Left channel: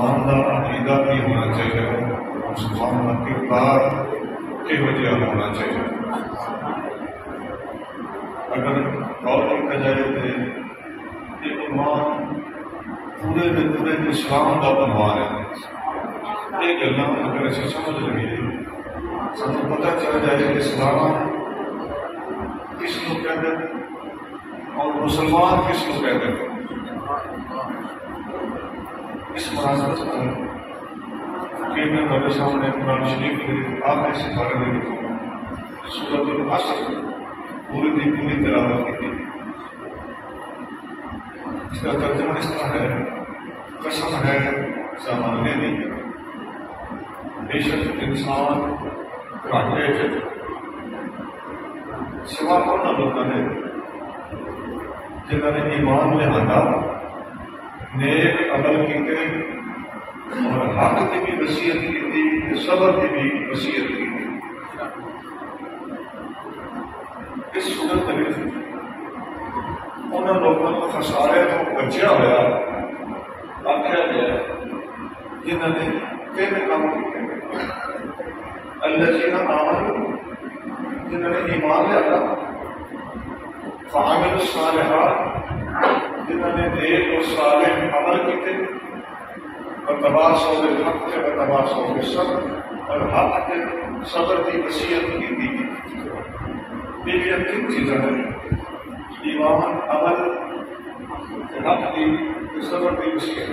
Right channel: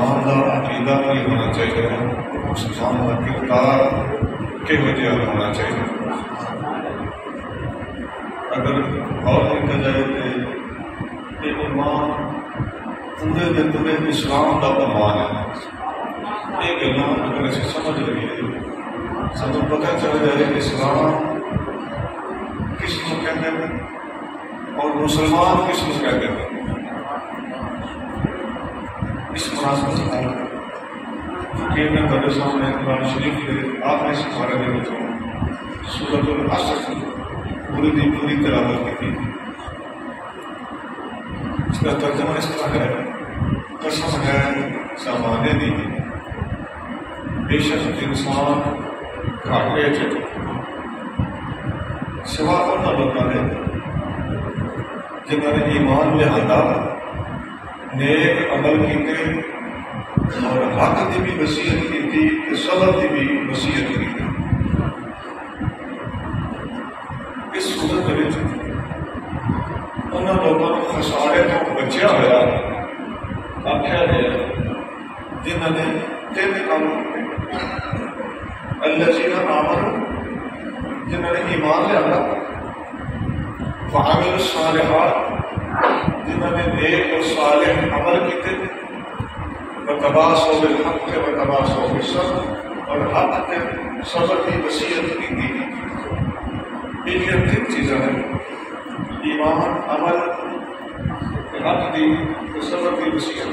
مسلمان کا عقیدہ بھی ہونا چاہیے، مسلمان کا کردار کہو جہا ہونا چاہیے۔ اگر غور کیا جائے تو یہ عنوان پورے کے پورے اسلام کا عنوان ہے۔ یہ گلاں اگر اسی سمجھ لگیے سانوں پتہ چل جائے کہ اسلام کس کو کہتے ہیں اور مسلمان کس کو کہتے ہیں۔ اس مناسبت کہ میں تھوڑے سامنے قرآن شریف کے آخری سپارے میں سورۃ العصر پوری دی پوری تلاوت کی تھی۔ اس کا ترجمہ اس طرح ہے، قسم ہے زمانے دی بے شک انسان گھاٹے چ سوا انہاں لوگاں نے جنہوں نے ایمان لہذا نیک عمل کیتے اور حق کی بھی وصیت کی تھی کہ صبر کی بھی وصیت کی تھی۔ اس صورت میں انہوں لوگوں کو خسارے تو بچیا ہوا آخیا گیا جنہوں نے تین کام کیے۔ الذین آمنوا، جنہوں نے ایمان لیا، وعملوا الصالحات، جنہوں نے نیک اور صالح عمل کیتے، وتواصوا بالحق وتواصوا بالصبر، اور حق کے صبر کی وصیت کی تھی۔ یہ تین چیزیں ہیں، ایمان، عمل، حق کی صبر کی وصیت۔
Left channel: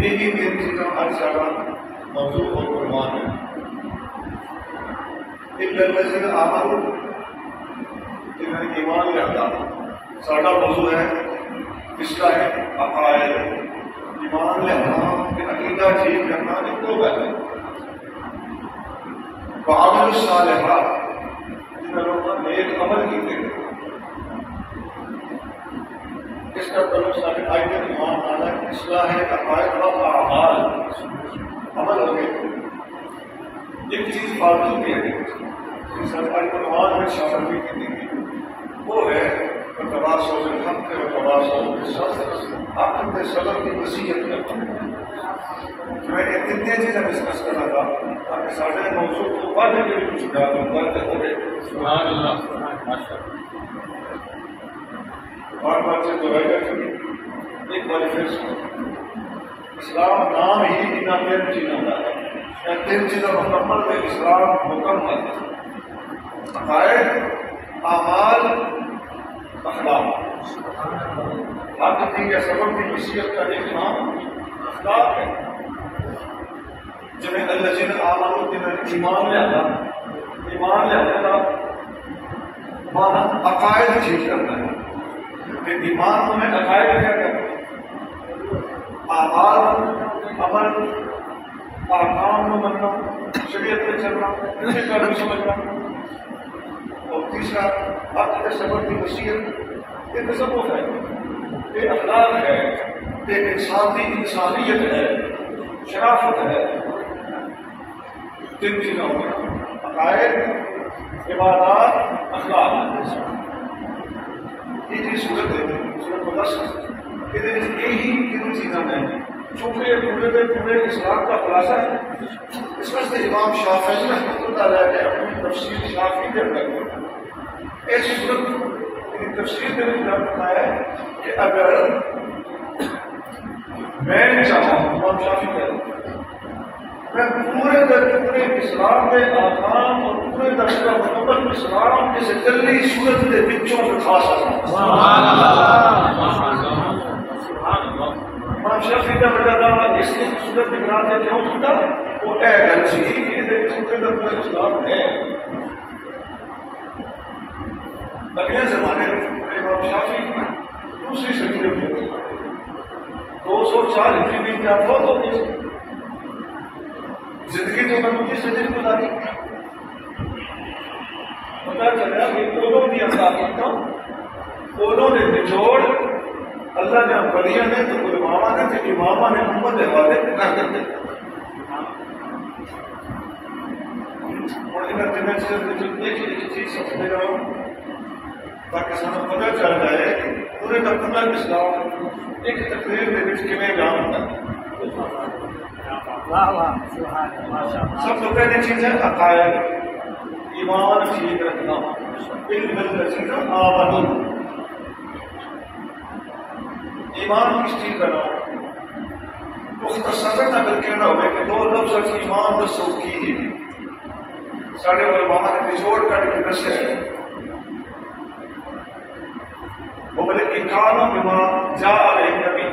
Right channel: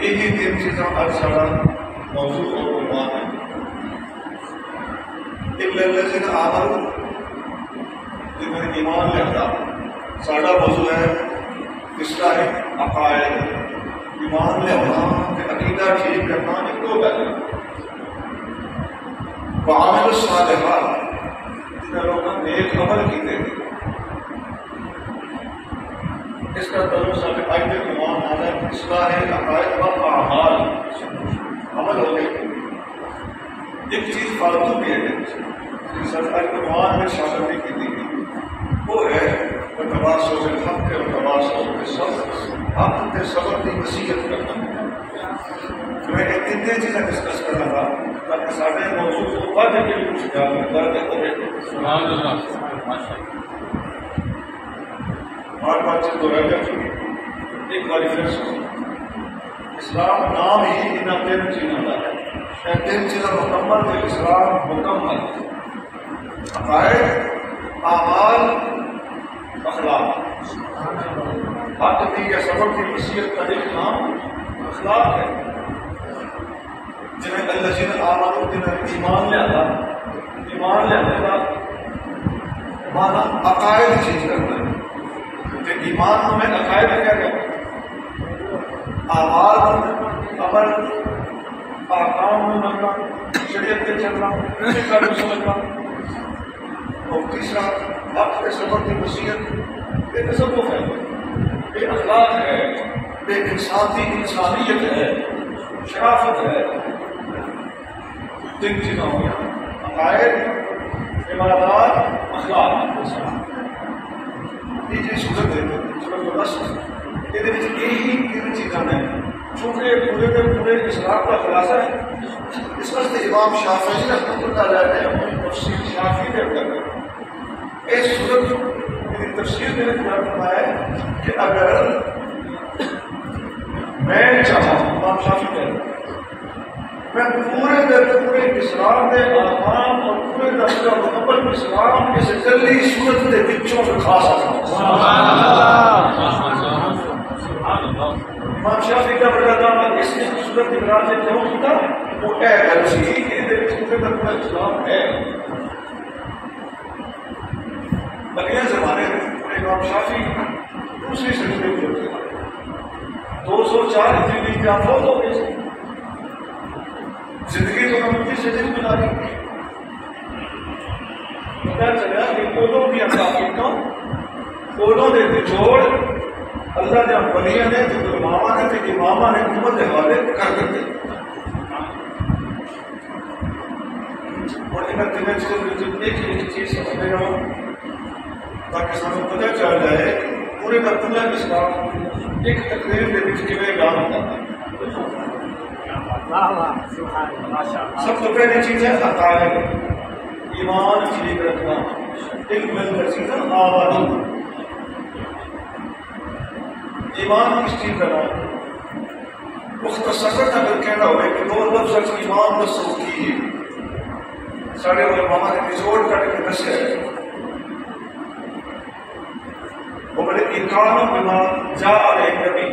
یہی تین چیزیں آج سارا موضوع اور عنوان ہے۔ الا الذین آمنوا، جنہوں نے ایمان لیا، سارا موضوع ہے اصلاح عقائد، ایمان لیا کہ عقیدہ ٹھیک کرنا ایک دو ہے۔ وعملوا الصالحات، جنہوں نے نیک عمل کیتے۔ اس کا تعلق سارے آج کے عنوان نال ہے اصلاح عقائد و اعمال، عمل ہو گئے۔ ایک چیز فالتو بھی ہے جس آج کے عنوان میں شامل بھی کی تھی، وہ ہے وتواصوا بالحق وتواصوا بالصبر، حق کے صبر کی وصیت کرنا۔ میں ایک تین چیزیں ڈسکس کرنا تھا تاکہ سارے موضوع کو پڑھ کے بھی کچھ درد ہوئے۔ سبحان اللہ، ماشاءاللہ۔ بار بار سے دہرائی جا چکی، ایک بار پھر سنو۔ اسلام نام ہی انہاں تین چیزوں کا ہے۔ یہ تین چیزیں مکمل ہے، اسلام مکمل۔ عقائد، اعمال، اخلاق۔ حق کی یا صبر کی وصیت کا ایک نام اخلاق ہے۔ جنہیں الذین آمنوا، جنہوں نے ایمان لیا، ایمان لیا مانا عقائد چیز کرنا ہے۔ ایمان میں عقائد کیا کرنا ہے؟ اعمال، عمل، احکام میں مننا، شریعت کے چلنا، کا بھی سمجھنا، اور تیسرا حق کے صبر کی وصیت۔ یہ تصوف ہے، یہ اخلاق ہے، یہ انسانیت ہے، شرافت ہے۔ تین چیزیں ہو گیا، عقائد، عبادات، اخلاق۔ یہ جو صورت ہے، صورت العصر، یہی تین چیزیں ہیں چونکہ یہ پورے کے پورے اسلام کا خلاصہ ہے۔ اس واسطے امام شافعی رحمۃ اللہ علیہ نے اپنی تفسیر شافعی کے اندر اس صورت کی تفسیر میں فرمایا ہے کہ اگر میں چاہوں، امام شافعی کہتے ہیں، میں پورے پورے اسلام کے ارکان اور پورے کا مکمل اسلام اس جلدی صورت کے بچوں میں کھا سکتا ہوں۔ امام شافعی کا بڑا دام ہے، اس لیے صورت کی برات سے کیوں کیتا؟ وہ اے گلچی کہ پورے کا پورا اسلام ہے۔ اگلے زمانے میں امام شافعی دوسری صدی میں ہوئے، 204 ہجری میں کیا فوت ہو گئی، زندگی تو میں مجھے صدی گزاری۔ پتا چلا کہ اولوں کی اخلاقیت کا، اولوں نے نچوڑ اللہ جب ولیاں نے تو علماء نے تو امامہ نے امت حوالے کر دیتے۔ اور انہیں تین چیزیں ایک چیز سمجھنے جاؤ تاکہ سب پتہ چل جائے کہ پورے دفتر اسلام ایک تقریر کے بیان ہوتا ہے. سب سے پہلی چیز ہے عقائد، ایمان ٹھیک رکھنا. ایک مل چیز ہے آمن، ایمان کس چیز کا نام مختصر اگر کہنا ہوئے کہ دو لفظ ایمان دسو کی سارے علماء نے نچوڑ کر کے دسے وہ بولے اکانو بما جاء علیہ نبی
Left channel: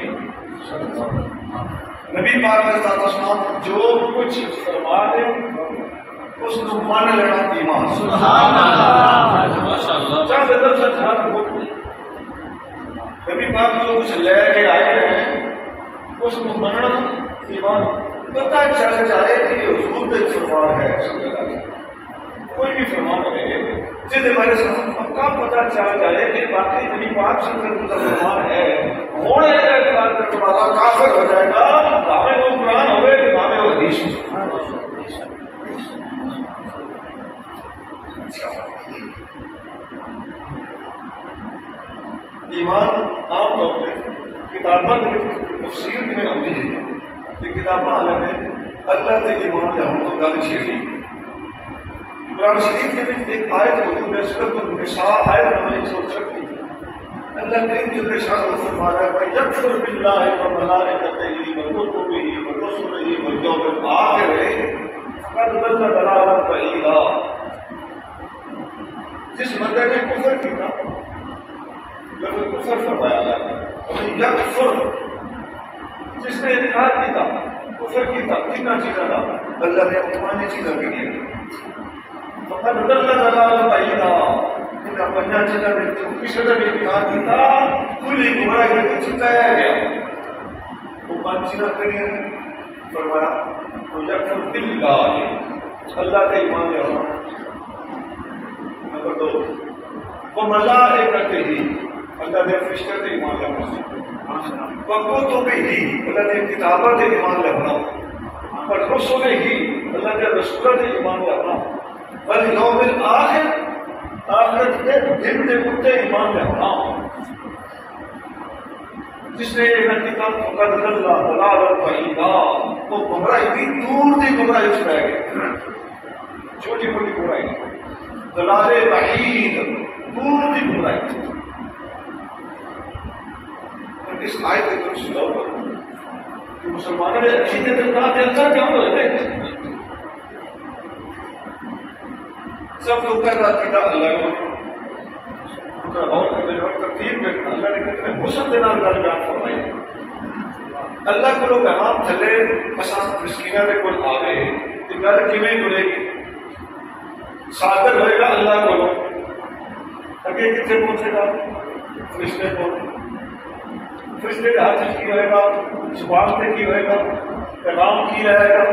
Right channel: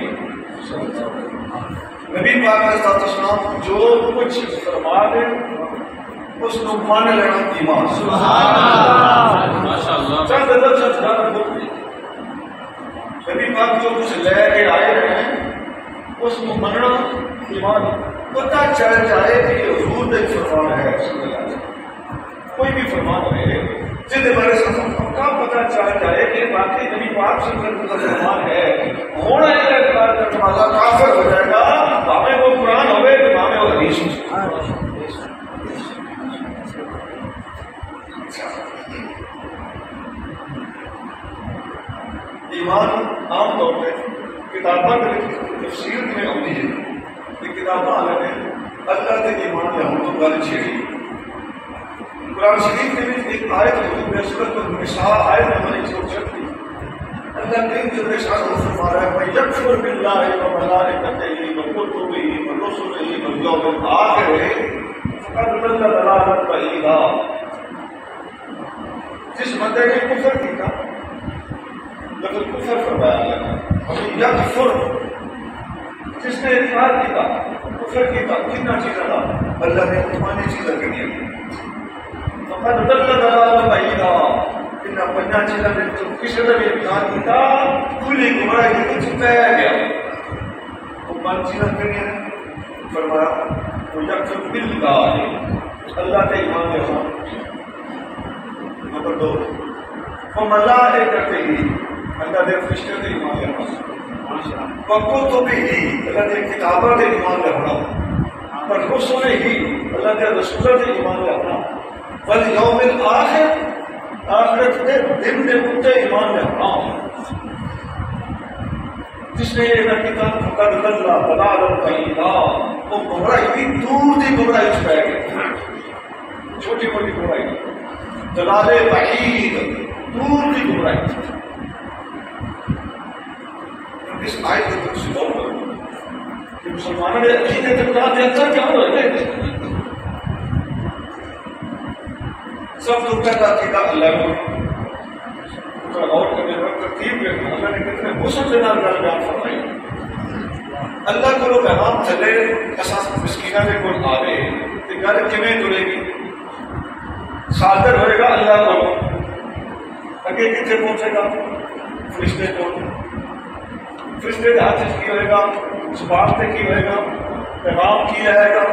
نبی پاک علیہ السلام جو کچھ فرما دے اس کو مان لینا ایمان. سبحان اللہ ماشاءاللہ. چند لفظ جہاں بھوک نبی پاک جو کچھ لے کے آئے ہیں اس کو مننا ایمان. پتہ چل جائے کہ یہ حضور نے فرمان ہے کوئی بھی فرمان ہے جن ہمارے ساتھ پکا پتہ چل جائے کہ باقی نبی پاک صلی اللہ علیہ وسلم کا فرمان ہے ہونے کا اعتراض کرنے والا کافر ہو جائے گا. ہمیں وہ قرآن ہوئے ہمیں وہ حدیث. ایمان عام طور پہ کتاباں تفسیر میں ہوتی ہے کہ کتاباں الگ ہیں. اللہ کے ایمان یا ہم تو گل چھیڑی قرآن شریف کے بھی ایک آیت موجود ہے سورۃ النساء آیت نمبر 136. اللہ کریم جو ارشاد فرما رہا ہے وَيَكْفُرْ بِاللَّهِ وَمَلَائِكَتِهِ وَكُتُبِهِ وَرُسُلِهِ وَالْيَوْمِ الْآخِرِ فَقَدْ ضَلَّ ضَلَالًا بَعِيدًا. جس بندے نے کفر کیا لیکن کفر فرمایا اللہ نے یکفر جس نے انکار کیا کفر کیا کتنا چیزیں تھا اللہ نے اپنی چیزیں کر دی فقد ضل ضلالا بعیدا. ان اپنی چیزیں نے جو کسی نے بھی انکار کیا کھلی گمراہی میں چھپا گیا. وہ پانچ چیزیں کری ہیں فرمایا وہ یکفر باللہ اللہ کے ایمان لے آنا. نمبر 2 وملائکتہ اللہ دے فرشتے دے ایمان لے آنا. وکتبہ اللہ دے کتاباں دے ایمان لے آنا. ورسلہ اللہ دے رسولوں دے ایمان لے آنا. والیوم الآخر آخرت دے دن دے اوتے ایمان لے آنا. جس نے یہ نہ کیا فقد ضل ضلالا بعیدا وہ گمراہی بھی دور دی گمراہی چ رہ گئے. چھوٹی موٹی گمراہی ضلال بعید دور دی گمراہی. اس آیت کو تم سنو کہ مسلمانوں نے عقیدے کے بنا کے اندر کیا ہو رہے ہیں. سب لوگ کا عقیدہ اللہ کو غور کرنے وقت ترتیب رکھنا اللہ نے کتنے حسن سے نال گل بیان فرمائی. اللہ کو لوگ پیغام چلے اساس مسکینہ کے کوئی آوے کہ گل کیویں تلے گی صادر ہوئے گا اللہ کو اگے کتنے پہنچے گا فرشتے کو فرشتے کے ہاتھ کی ہوئے گا زبان پہ کی ہوئے گا پیغام کیا ہے گا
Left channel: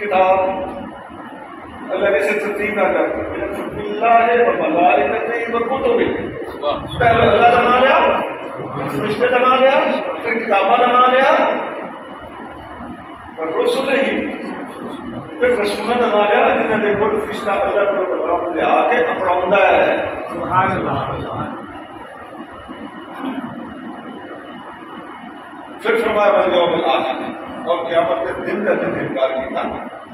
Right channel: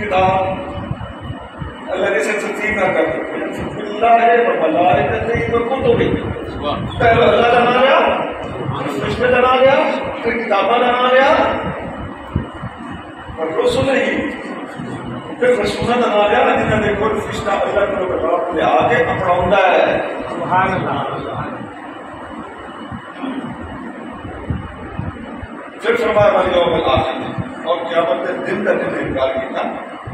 کتاب اللہ نے سے ترتیب نہ کر اللہ وملائکتہ وکتبہ پہلے اللہ کا نام لیا فرشتے کا نام لیا پھر کتاباں کا نام لیا اور رسولہ پھر رسولہ کا نام لیا جنہوں نے کوئی فرشتہ اللہ کو پیغام لے آ کے اپناؤندا ہے. سبحان اللہ. پھر فرمایا والیوم الآخر اور قیامت کے دن کا جن نے انکار کیا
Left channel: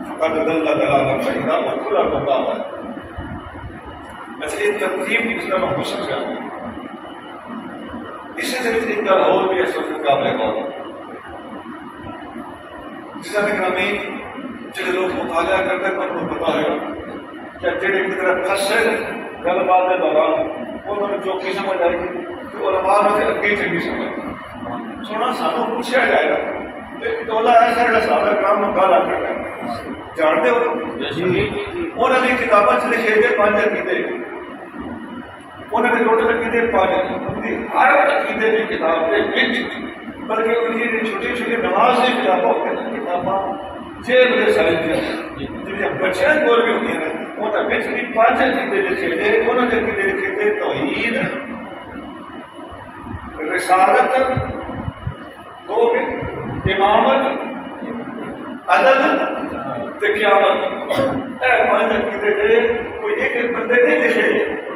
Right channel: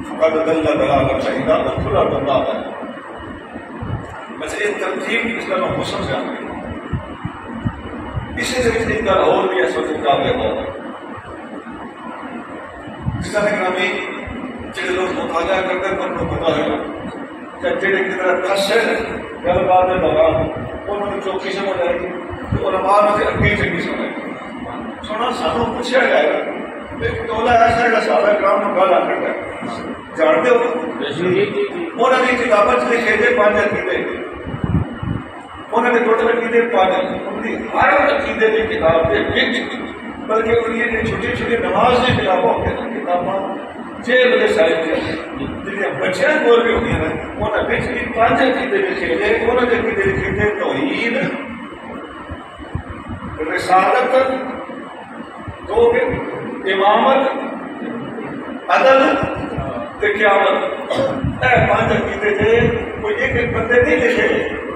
فقد ضل ضلالا بعیدا وہ کھلا گمراہ ہے. بس ایک ترتیب اس کا میں حسن سے آتی اسی سے ایک گل اور بھی ہے سوچ قابل غور جس طرح گرامی جڑے لوگ مطالعہ کرتے ہیں ان کو پتا ہے کہ جڑے کی طرح کس ہے گل بات کے دوران انہوں نے چوکی سمجھ آئے گی تو علماء میں اگلی چنگی سمجھ سونا سانو پوچھا جائے گا ٹولا ایسا ہے صحابہ کرام نے گل کرتا ہے جانتے ہو انہوں نے کتابیں چ لکھے تھے 5 عقیدے انہوں نے ٹوٹل عقیدے 5 ان کی ہر عقیدے کی کتاب سے بلکہ ان کی چھوٹی چھوٹی نماز کی کتابیں ہوتی ہیں کتاباں 6 بجے ساری جہاں بچیاں کول بھی ہوئی ہیں انہوں نے بھی 5 عقیدے لکھے تھے انہوں نے عقیدے لکھے تھے توحید رسالت دو امامت عدل قیامت 5 عقیدے تھے کوئی ایک بندے نہیں لکھے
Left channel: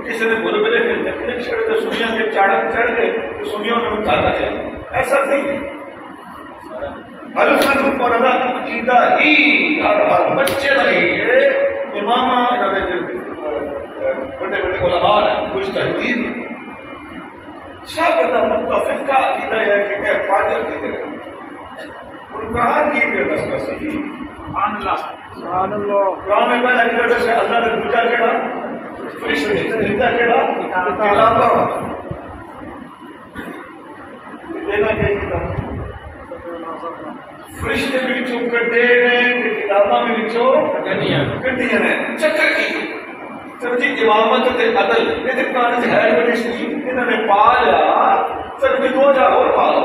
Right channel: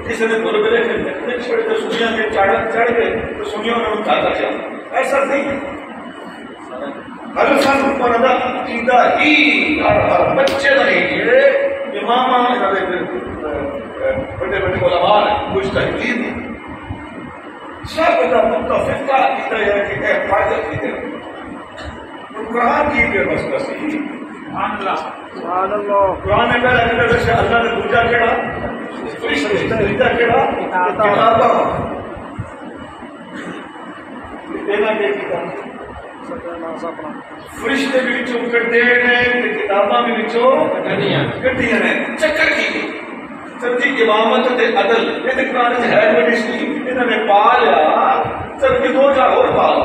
کسی نے برے بلے کے چھڑے تو سنیاں کے چڑھ گئے تو سنیوں نے اتارنا چاہیے. ایسا نہیں. ہر سن پر عقیدہ ہی ہر بچے نہیں امام بڑے بڑے علماء ہیں مجتہدین سب کا متفق کا عقیدہ ہے کہ اے فائدہ کی ہے. قرآن کی بے بس کسی سبحان اللہ. قرآن میں کہا ہے کہ اللہ نے دوجا کہا فرشتے تیجا کہا کتاباں دینا کہ کتاب فرشتے بھی وچوں کڈے نے تے کتاباں بھی وچوں کڈیاں نے. چکر کی ترجیح امامت تے عدل یہ تے قرآن وچ ہے بڑی سی انہاں نے پا لیا ترجیح دو جا اور پا لو.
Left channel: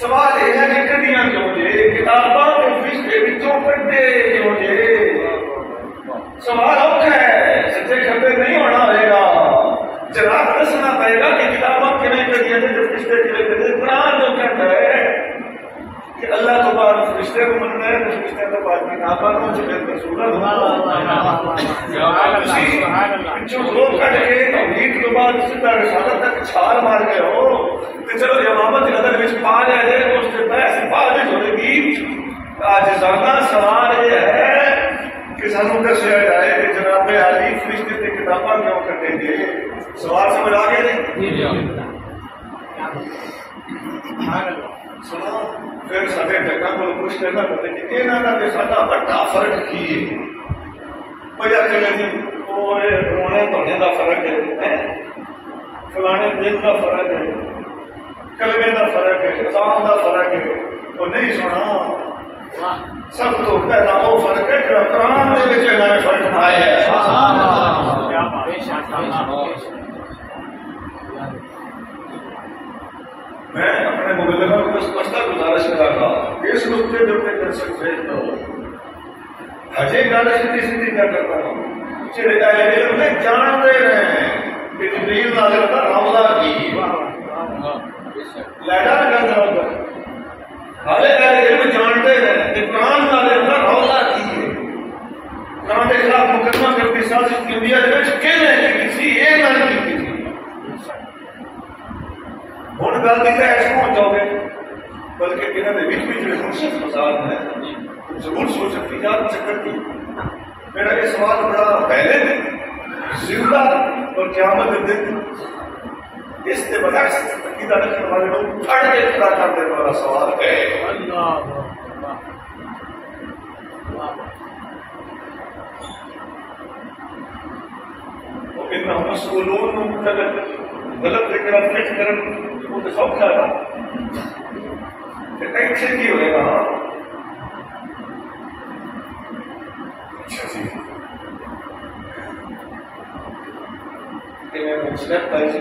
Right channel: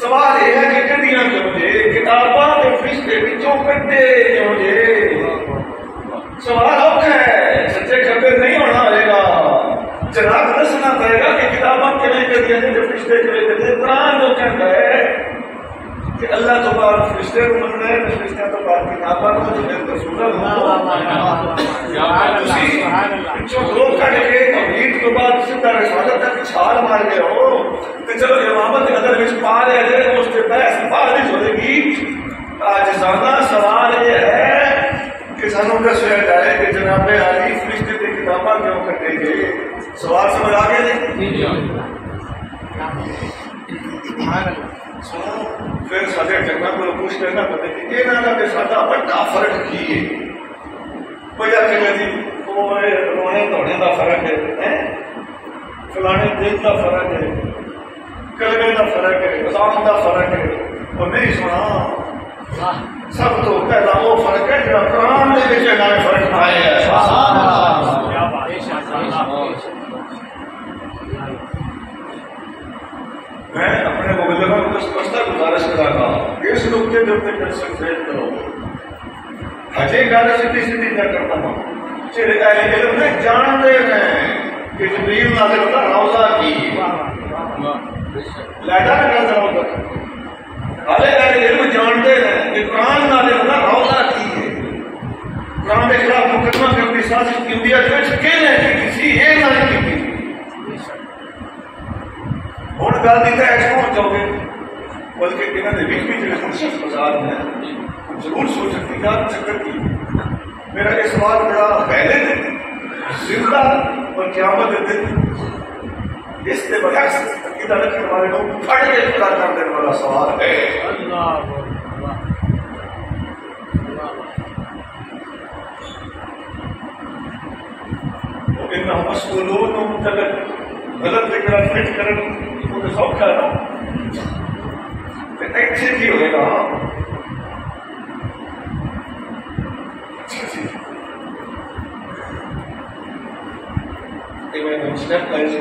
سوال یہ ہے کہ کڈیاں کیوں جے کتاباں تے فرشتے وچوں کڈے کیوں جے. سوال اوکھا ہے سچے کھبے نہیں ہونا ہوئے گا. جناب دسنا پڑے گا کہ کتاباں کیوں کڈیاں نے جو فرشتے کیوں کڈے. قرآن جو کہتا ہے کہ اللہ تو بعد فرشتے کو مننا ہے فرشتے تو بعد کتاباں کو جو رسول جو دو کٹ کے توحید کے بعد سیدھا رسالت تک چھال مار گئے ہو تو چلو امامت نظر میں پا لیا جائے اس سے بحث پارش ہو گی. عاجزانہ سوال یہ ہے کہ سانوں کا شہر جائے کہ جناب علی فرشتے کی کتاباں کیوں کٹے گئے. سوال سمجھ آ گئے سنو. پھر سارے جگہ کو پوچھ کرنا پڑے کہ یہاں کا ساڈا بڑا فرق کی ہے. بھیا کہ جی رونے دھونے کا فرق ہے فلانے دن کا فرق ہے کلمے کا فرق ہے اذان کا فرق ہے. اور نہیں سنا سب تو پہلا وہ فرق ہے جو قرآن میں نئے فرق آئے ہیں. میں اپنے مبلغوں کو سپشٹا گزارش کرا رہا ہوں اس نقطے جو کر سکتے تو ہجے گاڑی سیدھی سیدھی کیا کرتا ہوں چلے علم میں جانتے ہیں کہ جبریل نازل ہوتا روضہ کی لیڈا نہ کرتا ہوگا. ارے علم جانتے ہیں کہ قرآن نازل ہوتا روضہ کی ہے. قرآن کے خلاف مقدمہ کرتی سازش کی انڈیا جو کہنے ہیں کہ کسی یہ نازل کی ہوں گل کی ایسا ہو جاؤ گے بلکہ انہوں نے بھی جو منشف فساد ہیں ضرور سوچ سکتی کیا چکر کی. میرا یہ سوال بڑا پہلے دن زندہ اور قیامت دن اس سے بغیر عقیدہ رکھنے والے لوگ پھڑ کے کھڑا کر دینے والا سوال ہے. انہوں مسئولون غلط لکھنا فٹ کرن وہ تو سوکھا نا ایسے کی ہوئے گا. اچھا جی میں نے اسٹیپ لائز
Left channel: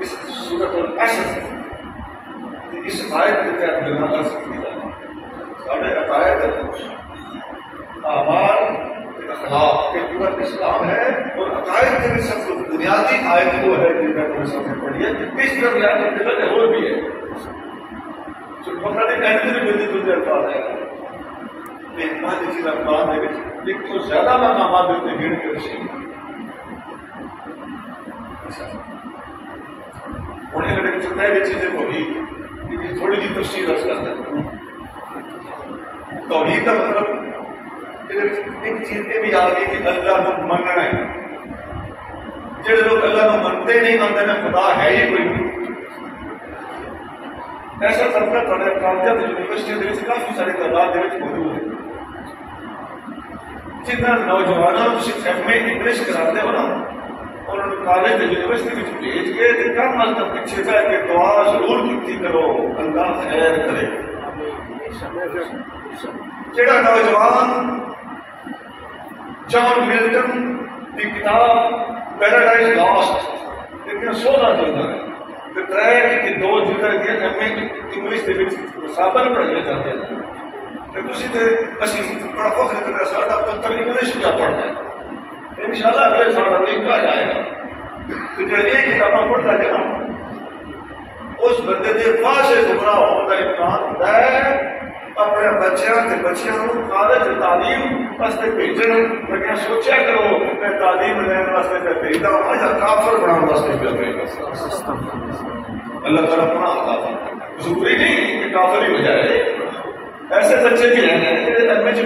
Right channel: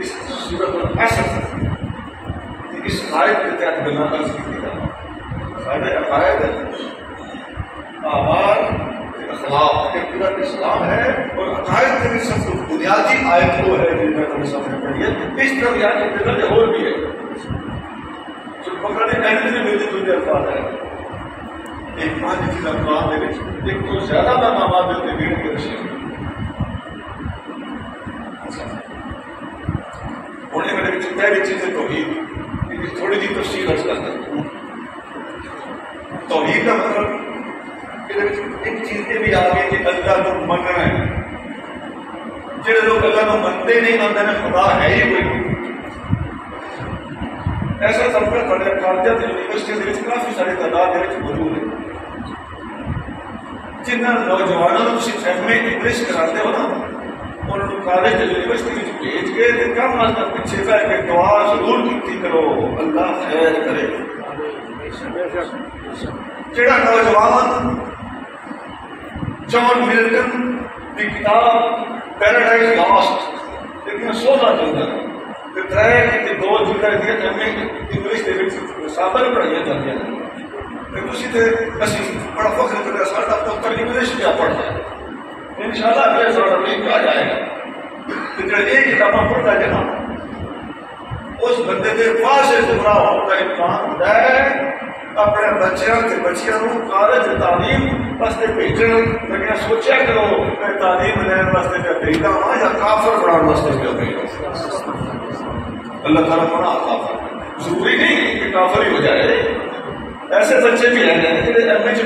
اس صورت الحسن اس آیت کے تحت بنا کر سکتی تھا. سارے عقائد اعمال اخلاق کے پورا اسلام ہے اور عقائد کے سب سے بنیادی آیت وہ ہے جن میں تمہیں سامنے پڑھی ہے. اس طرح یاد کرتے ہیں کہ اور بھی ہے جو مقرر کہنے میں میری دوسرے الفاظ ہے ایک پانچ چیز الفاظ ہے ایک تو زیادہ مقامات دیتے بھیڑ کے رشتے ہونے میں جو پہلی چیزیں توحید تھوڑی سی تفصیل رکھ کرتا ہوں. توحید کا مطلب ایک چیز یہ بھی آ گئی کہ اللہ کو مننا ہے. جڑے لوگ اللہ کو منتے نہیں آتے میں خدا ہے ہی کوئی ایسا طبقہ کالجوں یونیورسٹی کے کافی سارے تعداد موجود ہے جنہیں نوجوانوں کو ایم اے انگلش کراتے ہو نا انہوں نے کالج یونیورسٹی میں بھیج کے کم از کم پیچھے بیٹھ کے دعا ضرور کی کرو اللہ خیر کرے. جڑا نوجوان جان ملٹن کی کتاب پیراڈائز لاسٹ لیکن سونا چلتا ہے کہ دو جگہ انگلش کے سابر پڑھائی جاتی ہیں بڑا فخر کرتا ساڈا پتر انگلش کیا پڑھتا ہے ان شاء اللہ پھر سارا امریکہ جائے گا. تو جب یہ کتابیں پڑھتا ہے نا اس بندے کے واضح گمراہ ہونے کا امکان ہوتا ہے اپنے بچیاں کے بچیاں کو کالج تعلیم واسطے بھیجن لگیا سوچیا کرو میں تعلیم لین واسطے پہ بھیجتا ہوں یا کافر بنانے واسطے پہ بھیجتا ہوں. اللہ تعالیٰ بنا کافر ضروری نہیں کہ کافر ہی ہو جائے. ایسے بچے بھی ہیں انگلش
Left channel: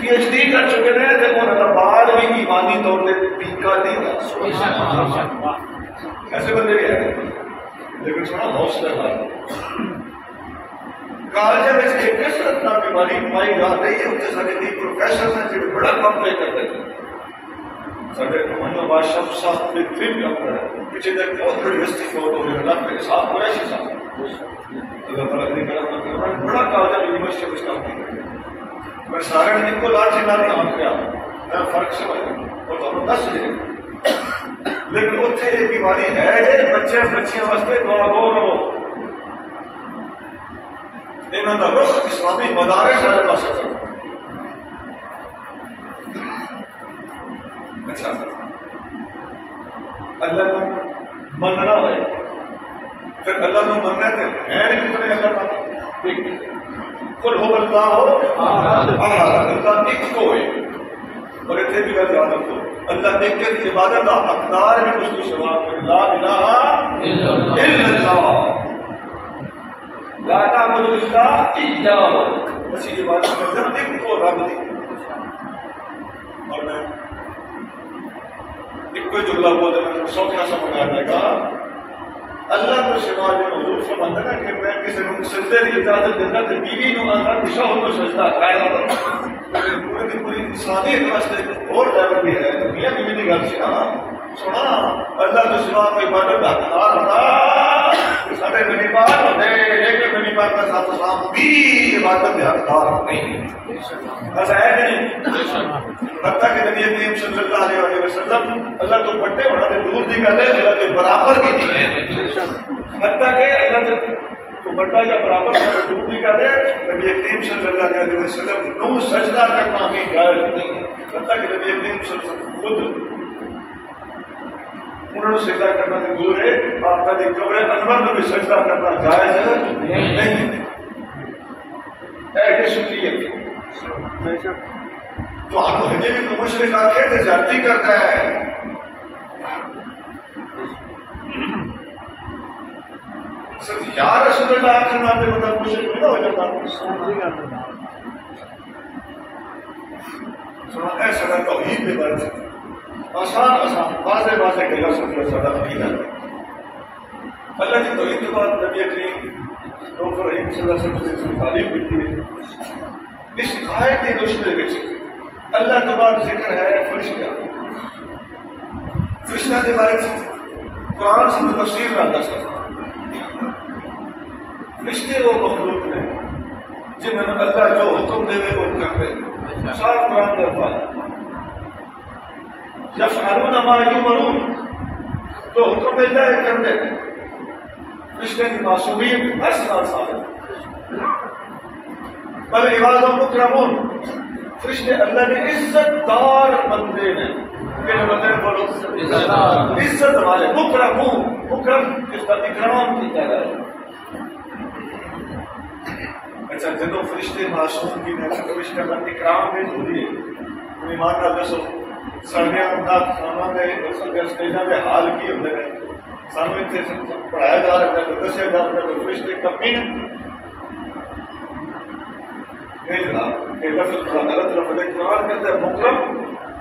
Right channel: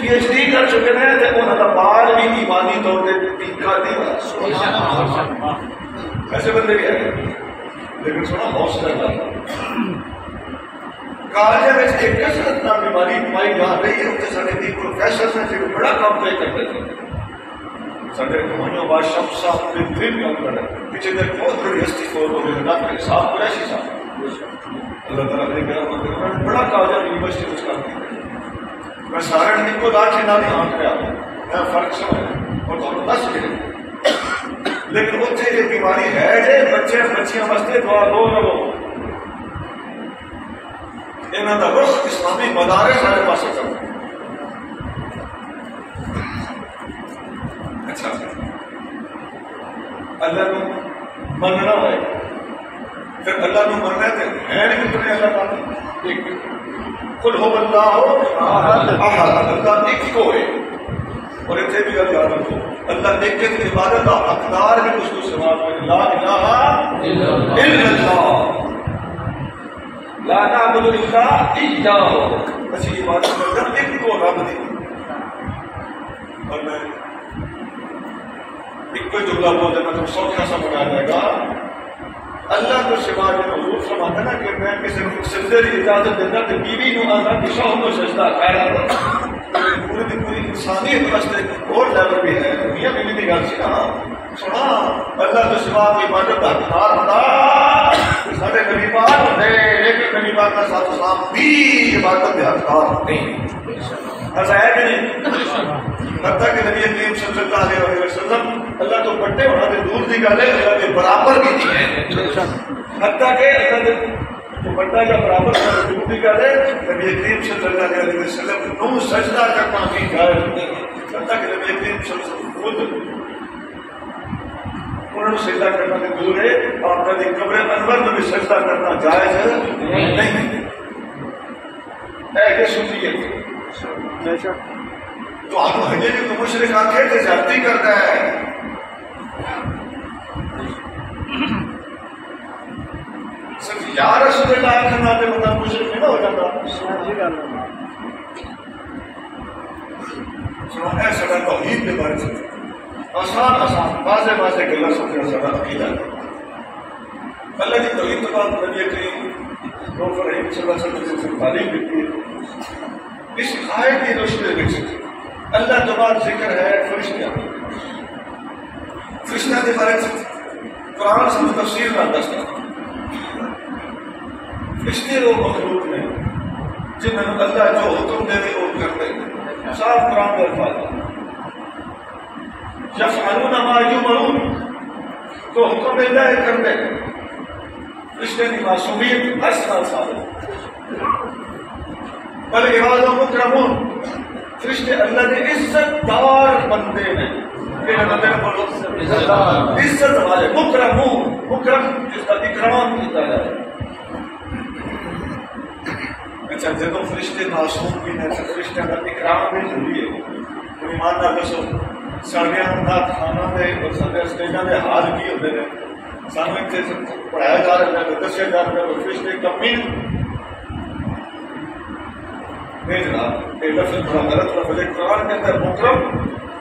پی ایچ ڈی کر چکے ہیں تو انہوں کا بال بھی ایمانی طور پہ ٹیکا نہیں. ایسے بندے بھی ہیں لیکن سنا حوصلہ کالج میں ایک کثرت نہ بیماری پائی جا رہی ہے. اتنے سارے کی پروفیسر ہیں جو بڑا کام پہ کرتے تھے. سارے کمائیوں بعد شب صاحب نے دن کام کر رہے ہیں. پیچھے دیر بہت بڑی ہستی فوت ہو گئی اللہ کے صاحب قریشی صاحب. اللہ تعالیٰ نے کہا میں بڑا کالج یونیورسٹی میں کام کیا. میں سارے ان کو لاچ نہ نہیں آنکھ رہا میں فرق سمجھ اور تو دس دے لیکن اتنے یہ بیماری ہے جی بچے بچیاں واسطے دعا دو لو. انہوں نے رخ اسلامی مدارس سارے پاس کرنا. اچھا اللہ کو مننا ہے پھر اللہ کو مننا تھے ہیں کتنے اللہ تعالیٰ ایک کل ہو بندہ ہو اللہ ایک کو ہے. اور اتنے بھی یاد رکھو اللہ ایک کے عبادت کا حقدار ہے اس کو سوال کرے لا الہ الا اللہ لا نعبد الا اياه. بس یہ بات کرتا ہوں ایک کو رب دی. اور میں ایک کوئی جملہ بول دینا تو سوچنا سا بنا جائے گا. اللہ کو سوا جو حضور فرماتا نا کہ میں کسی کو سجدے کی اجازت دینا تو بیوی نو آتا کہ شوہر کو سجدہ کر پوری کی پوری انسانیت واسطے اور لیول بھی ہے. میاں بیوی کی گل سی نا سنا اللہ کو سوا کوئی عبادت کا حقدار ہوتا سارے نبی پاک ہوتے لیکن نبی پاک کا ساتھ سلام بھی عبادت کے حقدار نہیں. ایسا ہے کہ نہیں؟ حتیٰ کہ نبی کریم صلی اللہ علیہ وسلم اللہ تو بڑے ہونا تو دور کی گل ہے اللہ کے برابر کی نہیں ہے. حتیٰ کہ اللہ تو بڑا یا برابر کا دور کی گل ہے نبی کریم صلی اللہ علیہ وسلم نو سجدہ کرنا بھی غیر نہیں ہے. حتیٰ کہ نبی کریم صلی اللہ علیہ وسلم خود انہوں نے سجدہ کرنا سے دور ہے. آپ کا قبر انور میں بھی سجدہ کرنا جائز ہے نہیں. ایسے سنیے تو آپ ہجے بھی تو مشرک آکے تھے زیادتی کرتا ہے. یا رسول اللہ کے ناطے مطلب مشرک میں نہ ہو جاتا. سنا ایسا میں توحید کے بارے میں آسان آسان واضح واضح گلا سمجھنا سارا عقیدہ ہے. اللہ کی توحید کے بعد نبی کریم ڈاکٹر رحیم صلی اللہ علیہ وسلم سے تعلیم دیتی ہے. اس آیت کی روشنی میں اللہ کے بعد ذکر ہے فرشتہ. فرشتہ کے بارے میں قرآن سے تفسیر کا دستہ. فرشتے وہ مخلوق نے جنہوں نے اللہ جو حکم دے وہ کرتے ہیں. صاف قرآن کے الفاظ یفعلون ما یؤمرون تو حکم دیتا ہے کرتے ہیں. فرشتے کی معصومیت اصل ثابت بل عباد مکرمون. فرشتے اللہ کے عزت دار بندے ہیں. بندے بولو عزت والے مکرمون. مکرم جس کا اکرام کیا جائے. اچھا جب فرشتے معصوم بھی ہیں فرشتے کا اکرام بھی ضروری ہے. ایمان نہ دسو سارے نات خانہ دے اور سارے اسٹیجاں دے حال کی ہوتے ہیں. سانو اتنے پڑھایا جا رہا ہے دسیا جا رہا ہے فرشتے کمی نہیں جناب. یہ لفظ بڑا غلط لفظ ہے. قرآن کے اندر مکرم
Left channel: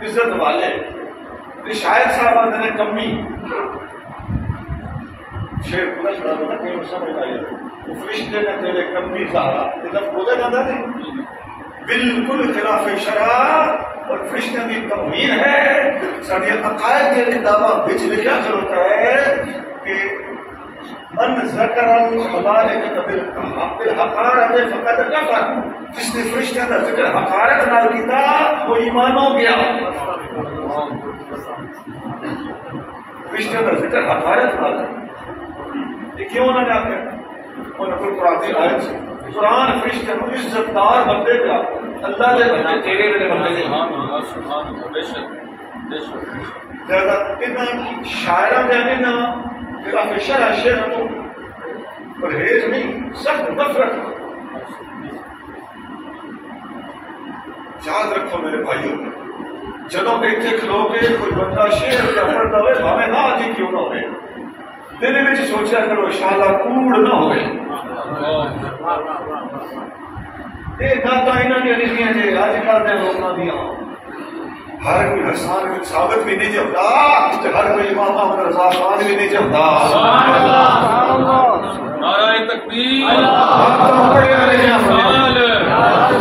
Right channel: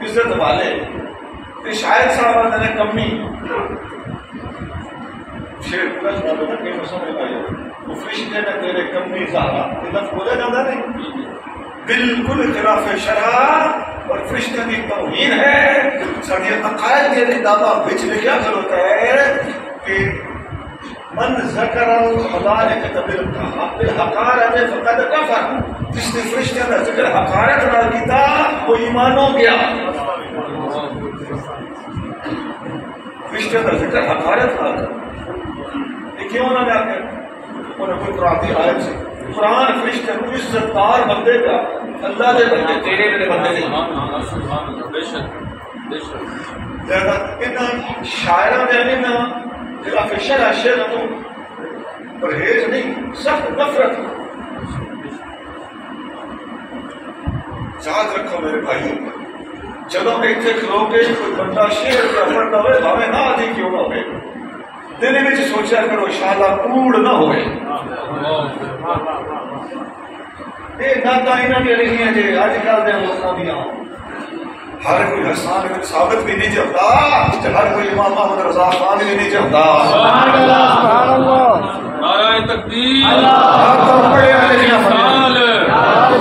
عزت والے شاید صاحب نے کمی شیر پورا سنا نا کہ سمجھ آئی وہ فرشتے نے تیرے کمی زہرا یہ لفظ بولا جاتا نہیں بالکل خلاف شرع. اور فرشتوں کی توہین ہے. سارے عقائد کے دعویٰ بچ لکھا کھلوتا ہے کہ من ذکر الملائکۃ بالحقارۃ فقد کفر. جس نے فرشتوں کا ذکر حقارت نہ کیتا وہ ایمان ہو گیا. فرشتوں کا ذکر حقارت نہ کر یہ کیوں نہ کر انہوں نے کوئی قرآن کی آیت سے قرآن فرشتے کو عزت دار بندے تھا. اللہ دے بندے تیرے میرے بندے سبحان اللہ. بے شک بے شک زیادہ ان شاعروں نے نا خلاف شرع شعر تو پرہیز نہیں سخت نفرت یاد رکھو میرے بھائیوں، جدو اتنے کھلو کے کوئی بندہ شعر کا پڑھتا ہوئے بھاوے نہ آدھی کیوں نہ ہوئے، دل میں سوچا کرو انشاءاللہ کوڑ نہ ہوئے. یہ ناتا انہاں دی لکھیاں جے اج کل دے لوکاں دیاں. ہر کوئی حسان بن ثابت بھی نہیں چاہتا، ہر کوئی امام احمد رضا خان بھی نہیں چاہتا. سبحان اللہ، نعرہ تکبیر،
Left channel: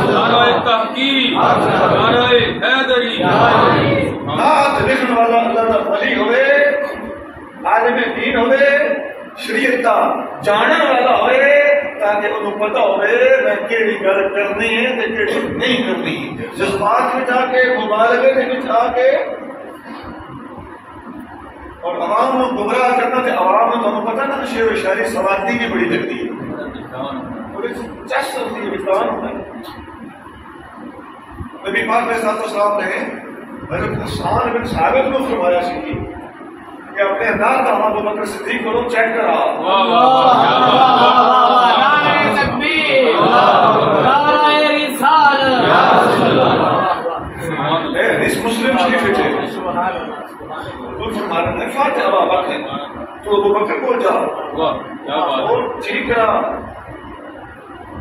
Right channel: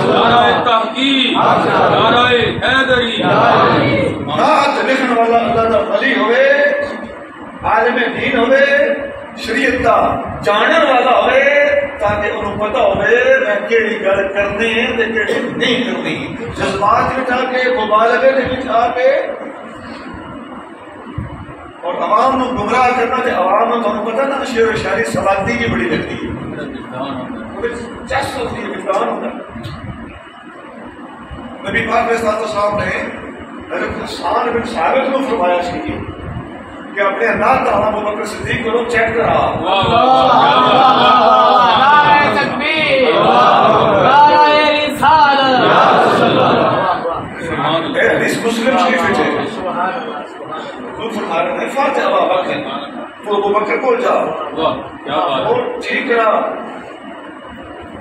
نعرہ تحقیق، نعرہ حیدری. نعت لکھن والا اللہ دا ولی ہوئے، عالم دین ہوئے، شریعت دا جانن والا ہوئے، تاکہ انہوں پتہ ہوئے میں کیڑی گل کرنی ہے تے کیڑی نہیں کرنی. جذبات میں جا کے مبالغے میں آ کے اور عوام کو گمراہ کرنا، تے عوام کو تمہیں پتہ نا شعر و شاعری سوادی کی بڑی لگتی ہے، چس ہوتی ہے، وجدان ہوتا ہے. نبی پاک علیہ السلام نے حضرت حسان بن ثابت کو فرمایا سی کہ اپنے انداز کا ابو بکر صدیق کو لوگ چیک کرا. نعرہ تکبیر، نعرہ رسالت. حدیث مسلم شریف ہے. تو فرما رہے ہیں فاتح ابو بکر، تو ابو بکر کو جا اور ٹھیک کرا.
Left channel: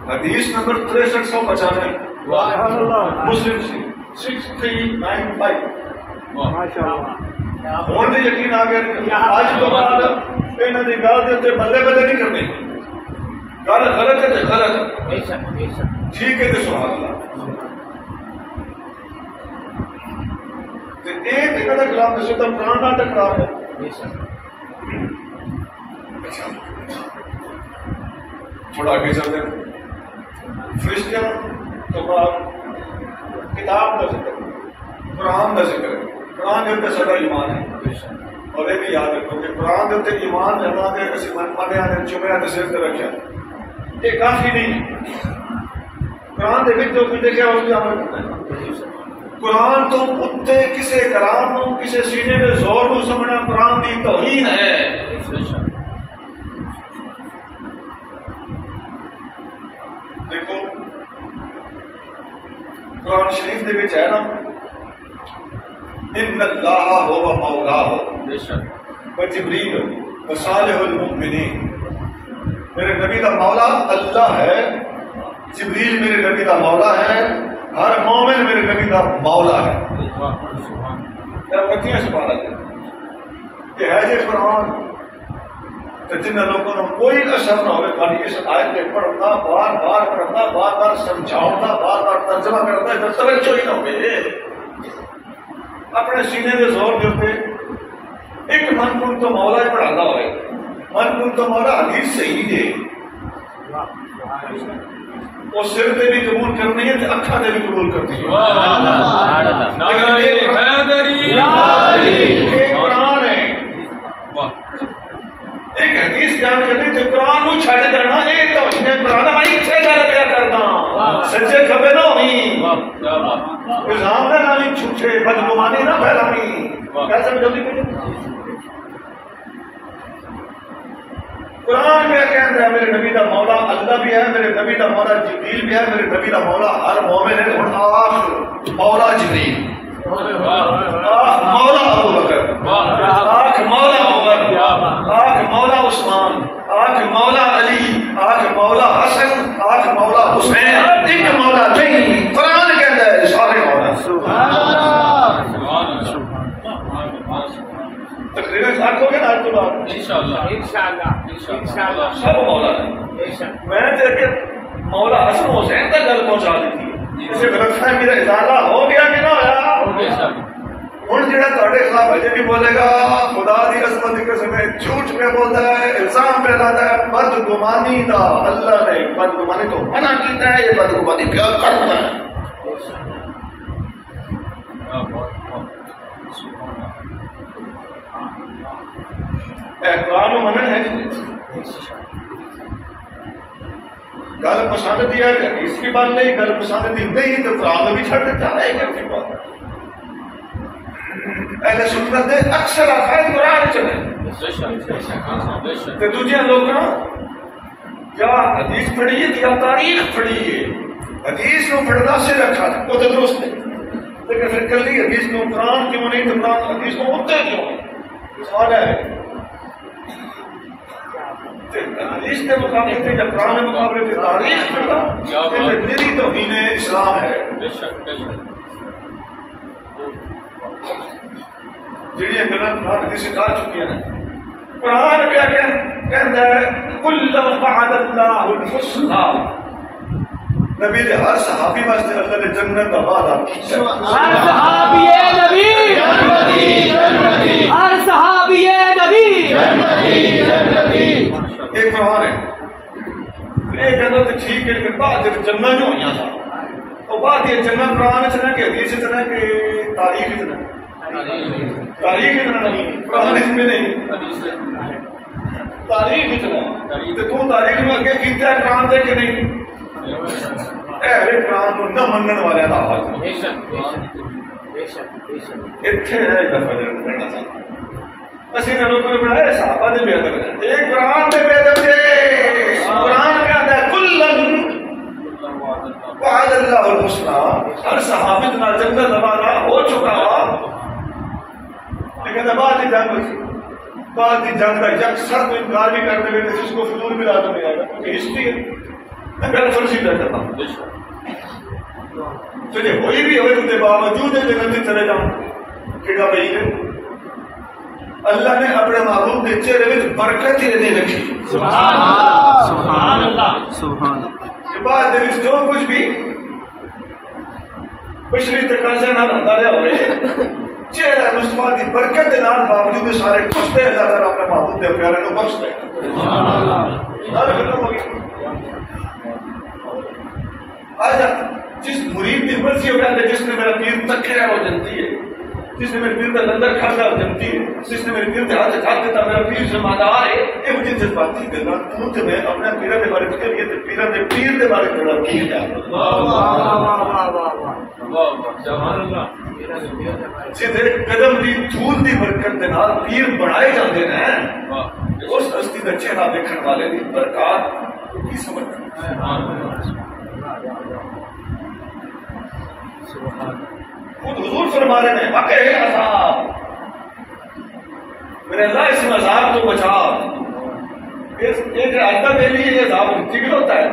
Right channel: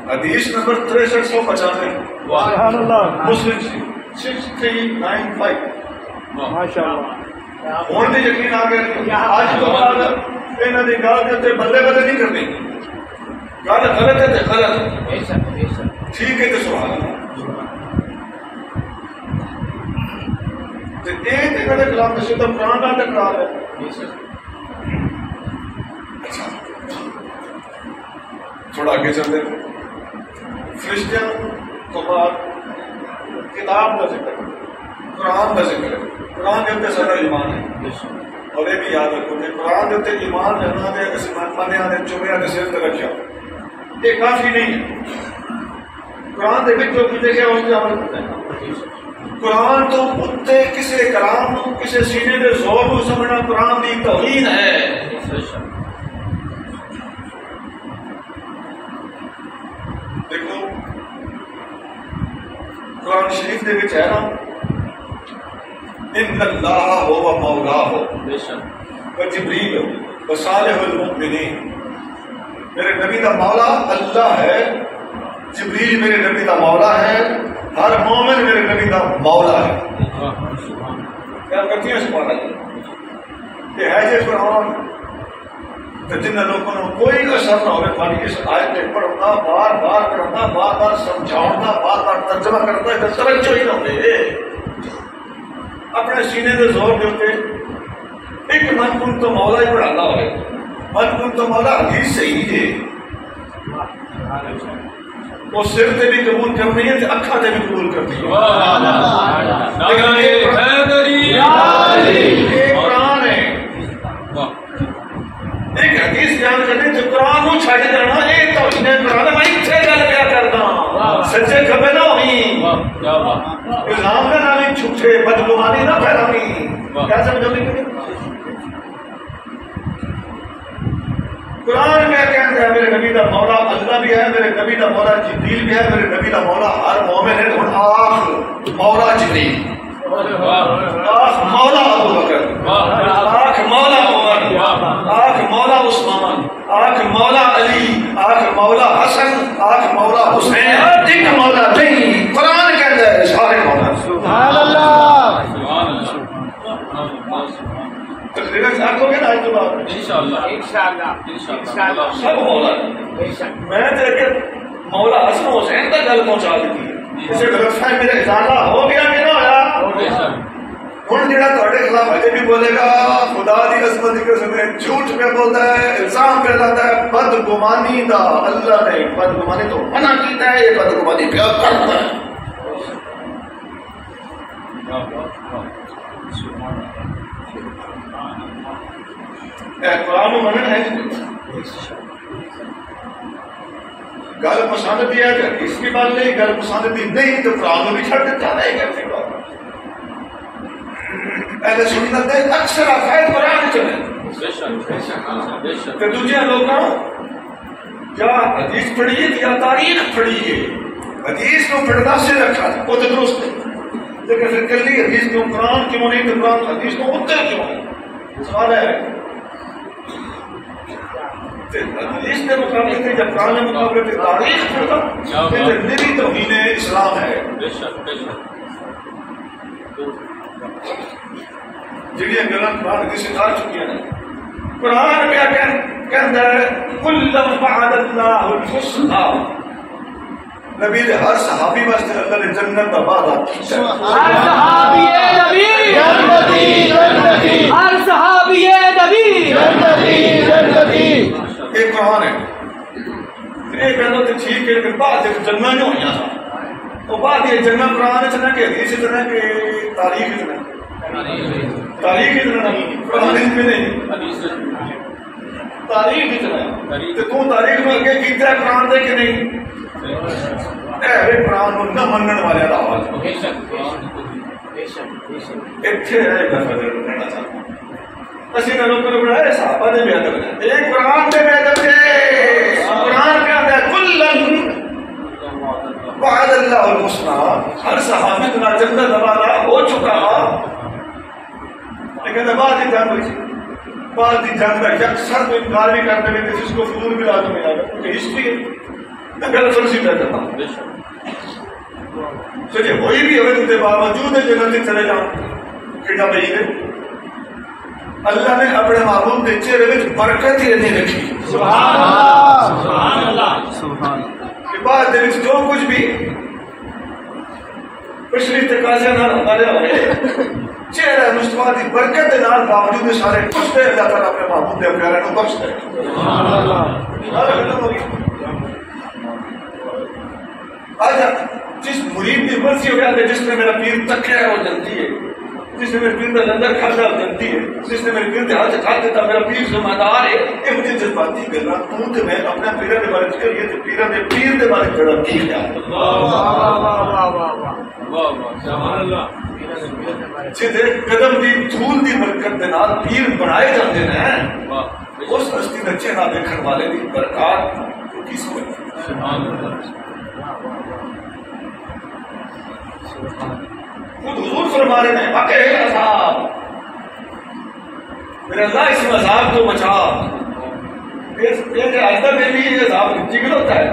حدیث نمبر 6395 مسلم 6395. ماشاءاللہ. ہوں بھی یقین آ گیا. آج تو بعد یہاں کی گل کے اتنے بلے بلے نہیں کرنی. گل غلط ہے تو غلط، ٹھیک ہے تو سوال. خلاف نشے تو قرآن کا ٹکرا ہے. اچھا تھوڑا آگے چلتے ہیں. فرشتوں تو بعد کتاب کا ذکر، قرآن کا ذکر ہے. قرآن کے اتنے سارا ایمان ہے. اور یہ بھی یاد رکھو کہ قرآن کے اتنے ایمان رہنا دے کسی مانے آنے چمیا نے سر رکھا، یہ کافی نہیں ہے. قرآن دے جو کچھ دیکھا اس کے عمل کرتا ہے. قرآن تو اتنے کسی کلام کسی سینے کے زور کو سمجھنا قرآن کی توہین ہے. دیکھو قرآن شریف دے وچ ہے نا، ان اللہ هو مولاہ وجبریل وصالح المؤمنین. میرے نبی دا مولا اللہ ہے، جبریل میرے نبی دا مولا ہے، ہر مومن میرے نبی دا مولا ہے. کیا کہتی ہیں سبحان اللہ. یہ ہے جو قرآن جن لوگوں کو کوئی اثر نہ ہوئے خالی اس آیت میں پڑھنا، بار بار پڑھنا، بار بار سمجھاؤنا، بار بار ترجمہ کرنا، ہے توجہ ہی نہ ہوئے. اپنے سینے کے زور کے اوپر ایک من کن تو مولا ہی پڑھانا ہوئے. من کن تو مولا حدیث صحیح ہے، وہ سر سے بھی قبول کرنی ہے، اکھا سے بھی قبول کرنی ہے. یہ قرآن ہے. ایک حدیث جان کرنی تو قرآن کو چھڑ دینا. یہ تو قرآن میں اتنے گل کیا کرنا سچے کھبے نہ ہوئی، الزام نہ نامی چھوٹے، بدگمانی نہ پھیلانی. کیا سمجھو گے؟ قرآن میں کہتا ہے میرے نبی دا مولا اللہ بھی ہے، میرے نبی دا مولا جبریل بھی ہے، میرے نبی دا مولا ہر مومن ہے. آخ مولا جبریل، آخ مولا ابو بکر، آخ مولا عمر، آخ مولا عثمان، آخ مولا علی، آخ مولا حسن، آخ مولا حسین. ایک مولا نہیں، قرآن کہتا ہے سارے مولا. آنکھوں کے ناج تو بات انشاءاللہ سب مولا ہے. میں دیکھے مولا حسن حسین تک گل پہنچا دیتی ہے. اسے غلط فہمی میرا ازالہ ہو گیا کہ نہ ہوا. ہوں جہاں تھوڑے خلاف اجے بھی بولے گا خدا کی عظمت کی قسم جھوٹ میں بولتا ہے، الزام پہ لاتا ہے. بدگمانی دا اللہ نے بدگمانی تو منع کیتا ہے، یہ بدگمانی کیا کرتا ہے. قرآن و منع ہے. گل پسند دی ہے کہ اس کی بات نہیں، گل پسند دی نہیں تو قرآن بھی چھڑ دیتا ہے. اہل سنت دے اکثر عقائد قرآن چلے کہ دوسرے لوگوں کیا حدیث پڑھیے یا تاریخ پڑھیے. حدیث کو پڑھنا سے رکھا وہ تو درست ہے، لیکن پھر کلی حدیث کو قرآن کیوں نہیں، تو قرآن حدیث کو اتنے کیوں نہیں؟ سوال ہے حدیث کے مقابلے تھے یا قرآن کے مقابلے تھے تاریخ پڑھنا یہ میری توہین اسلام ہے۔ جڑیاں گلاں قرآن حدیث سکھا چکی ہیں، قرآن کیا کہتا ہے کل وعد اللہ الحسنی، نبی نے ہر صحابی واسطے اللہ نے جنت کا وعدہ کیا، ہر صحابی نبی جنتی، ہر صحابی نبی جنتی۔ ایک قرآن ہے یہ کہنا تو ٹھیک ہے، لیکن بعد جنگاں جو ہوئی تھا وہ بعد یہ جنگاں قرآن اتنا کہ حدیث اتنا کہ تاریخ اتنا، تاریخ اتنا نہیں، قرآن اس میں نہیں، تاریخ اتنا ہے۔ تو تو تاریخ میں اگے کیتا ہے قرآن دے کہ نہیں؟ اے قرآن کو نہ منن والے دا حال اتنے رہ گا فضل کرنا چاہتا ہوں۔ اسی نے لوگوں نے بڑھایا صحابہ نے بھی ادب ہے، ایک قرآن نے بھی ادب ہے، قرآن کا ہے کلن وعد اللہ الحسنی، ہر صحابی اتنا جنت والا ہو چکا، لیکن بعد کی جنگ ہوئی، بعد کی جنگ کا یکسر کو انکار بھی کرتے ہوئے جس کو فضول ملا تو ملا گا کیونکہ ہسٹری ہے، میں غلط فرضی کر کرتا ہوں۔ تو یہ ہوئی بھی ہوئے کے باوجود جنت چلے جاؤں کیڑا بھائی ہے، اللہ نے اپنے محبوب کے چہرے میں برکت ہی نہیں رکھی، سبحان اللہ سبحان اللہ، کہ بعد دل جو کچھ بھی پچھلی تقاضے نہ ہوتا رہے چہرہ مصطفیٰ کی برکت کے نال باوجود سارے کچھ دے اللہ تعالیٰ اپنے محبوب کے پیارے کو بخش دے، سارے ختم ہو گئی۔ آج جس مرید کی مرضی ہو گیا جس نے میرا پیر تک ہے وہ جنتی ہے، جس نے میرے پیر کا لندر کھانا جنتی ہے، جس نے میرے پیر کے ہاتھ کھا دیتا میرا پیر ذمہ دار ہے، یہ مجھے جذباتی کرنا کیوں کہ میں اپنے پیروں کے بارے فکر کیا تو پیروں کے پیر کے بارے جڑا کی گیا جہے قدم دی دھول دی برکت کے نال پیر بنائے جاتے ہیں، اس ہستی کا چہرہ دیکھنے والے دی برکات کو کی سمجھ خود حضور فرما رہے ہیں واقع ہے عذاب، میرے اللہ اس عذاب کو بچا، یہ آج تک میرے لیے یہ عذاب جگل ہوتا ہے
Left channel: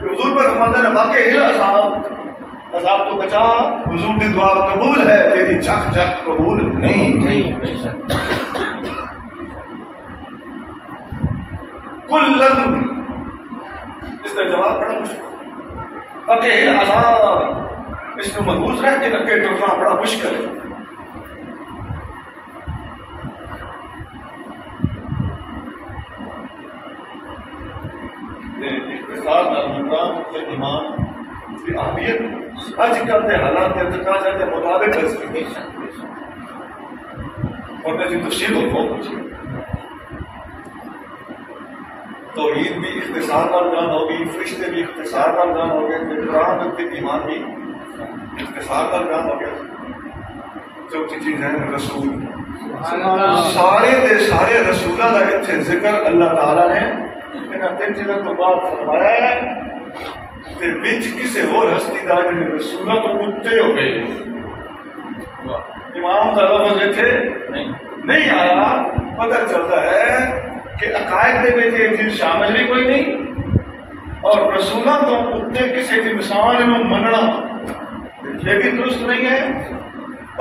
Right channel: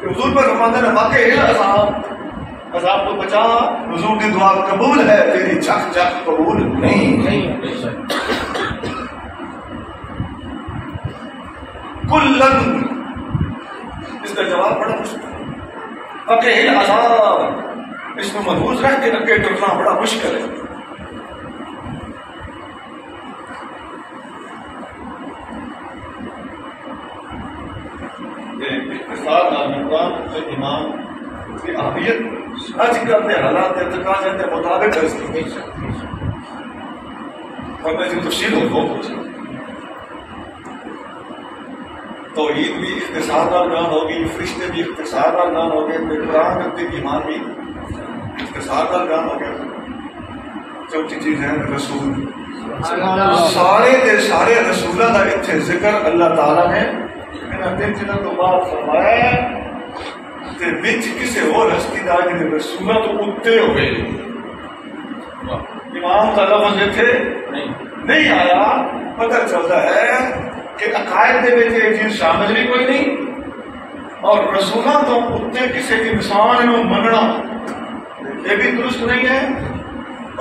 کہ حضور پر فرماتے ہیں واقع ہے عذاب، عذاب کو بچا، حضور کی دعا قبول ہے تیری چک چک قبول نہیں۔ کلن اس کا جواب بڑا مشکل، واقع ہے عذاب، اس میں محفوظ رہ کے اگے ٹرنا بڑا مشکل ہے۔ اقتصاد ناممکن ایمان کی اہمیت آج کل کے حالات ارتقاء کے مطابق ہے، اور میں تفصیل ہو کچھ توحید بھی اختصار کا گان ہوگی، فرشتے بھی اختصار کا گان ہو گئے، قرآن رکھتے کی ایمان بھی اختصار کا گان ہو گیا۔ چوتھی چیز ہے رسول، سارے دے سارے رسولوں کا اتنے ذکر اللہ تعالیٰ نے انہاں تین چیزوں تو بعد فرمایا ہے تے وچ کسی اور ہستی دا جڑے رسولوں تو اتے ہو گئے، امام کا لفظ اتنے نہیں آیا، پتہ چلتا ہے کہ عقائد دے وچ یہ چیز شامل ہی کوئی نہیں، اور رسولوں تو اتے کسی انسان نو مننا یہ بھی درست نہیں ہے۔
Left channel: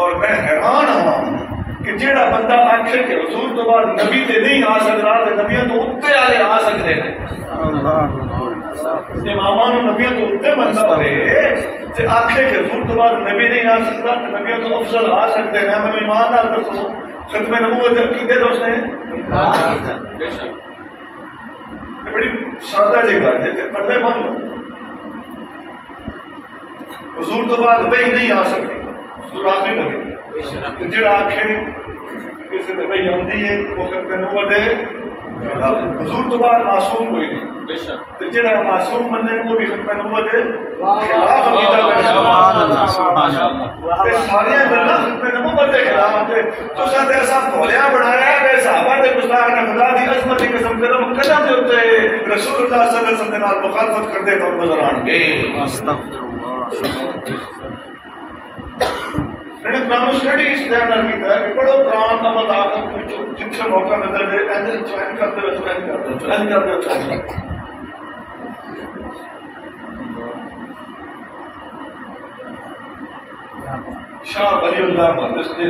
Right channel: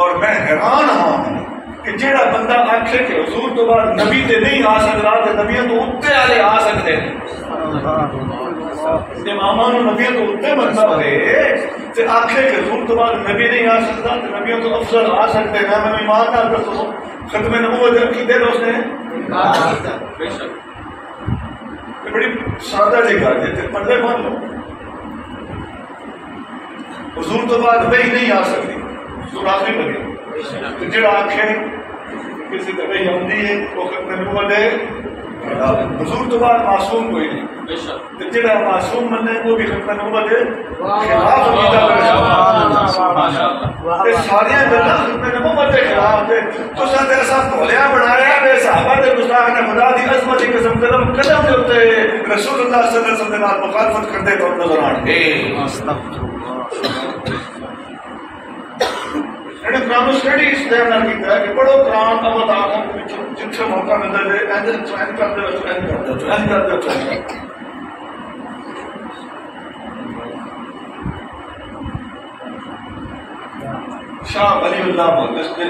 اور میں حیران ہوں کہ جہاں بندہ آخے کہ حضور تو بعد نبی تے نہیں آ سکتا تے نبیوں تو اتنے والے آ سکتے ہیں، اماماں نو نبیوں تو اتنے بندہ ہوئے تے آخے کہ حضور تو بعد نبی نہیں آ سکتا تے نبیوں تو افضل آ سکتے ہیں، میں ایمان نال دسو ختم نبوت عقیدے دوست ہیں، بڑی سادہ جی گل ہے، پڑھے مان لو حضور تو بعد وہی نہیں آ سکتی، حضور آخری نبی، جڑا آخے کسی نے وہی آتی ہے وہ ختم نبوت ہے، حضور تو بعد معصوم کوئی نہیں، جڑا معصوم مننے وہ بھی ختم نبوت ہے، خلاف ساری گلا ختم نبوت کے خلاف ہے۔ تو سر ایسا تھولیا بنایا ہے صحابہ کے گستاخ نے خدا دی عظمت کی قسم قدم قدم کے اوتے رسول اللہ صلی اللہ علیہ وسلم نے مخالفت کرتے تو نظر آن گے. قرآن اسٹڈی اس طرح نہ کیتا ہے کہ پڑھو قرآن کا مطابق جن سے موقع ملتا ہے ایسے چوائن کرتے ہو چوائن کرتے ہو چوائن کرتے ہو چوائن کرتے ہو. شاہ ولی اللہ مہندس نے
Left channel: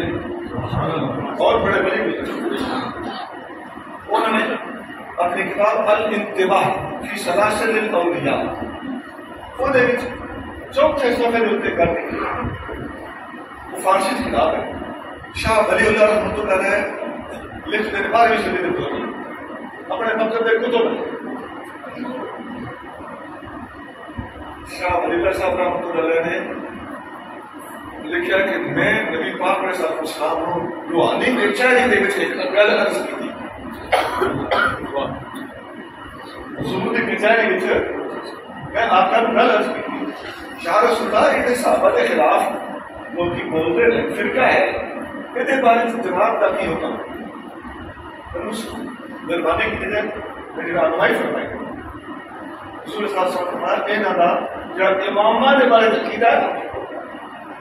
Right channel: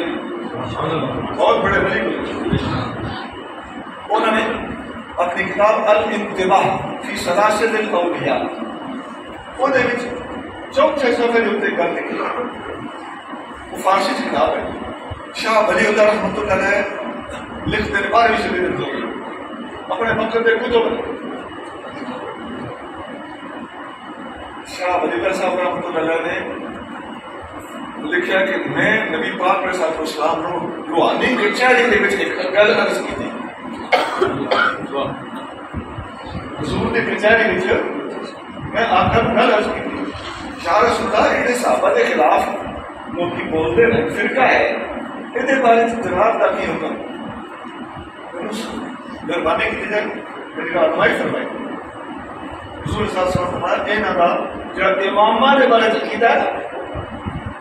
بہت بڑے ولی ہوئے. انہوں نے اپنی کتاب الانتباہ فی سلاسل الاولیاء وہ چوتھے صفحے کے اتنے کر کے وہ فارسی کی کتاب ہے. شاہ ولی اللہ رحمۃ اللہ علیہ لکھتے ہیں 12ویں صدی میں اپنے مقصد کتب میں. شاہ ولی اللہ صاحب رحمۃ اللہ علیہ نے لکھا کہ میں نبی پاک علیہ الصلوۃ والسلام کو روحانی کے چہرے کے وچ ایک گل عرض کی تھی. حضور نے کچہری وچ میں آقا نوں گل عرض کی تھی یا رسول اللہ یہ صحابہ کے خلاف لوگ بولتے ہیں فرقہ ہے یہ بارے جناب کا کی حکم مہربانی کی جائے میری رہنمائی فرمائی. حضور صلی اللہ علیہ وسلم فرمایا انہاں دا جو امامہ کے بارے عقیدہ ہے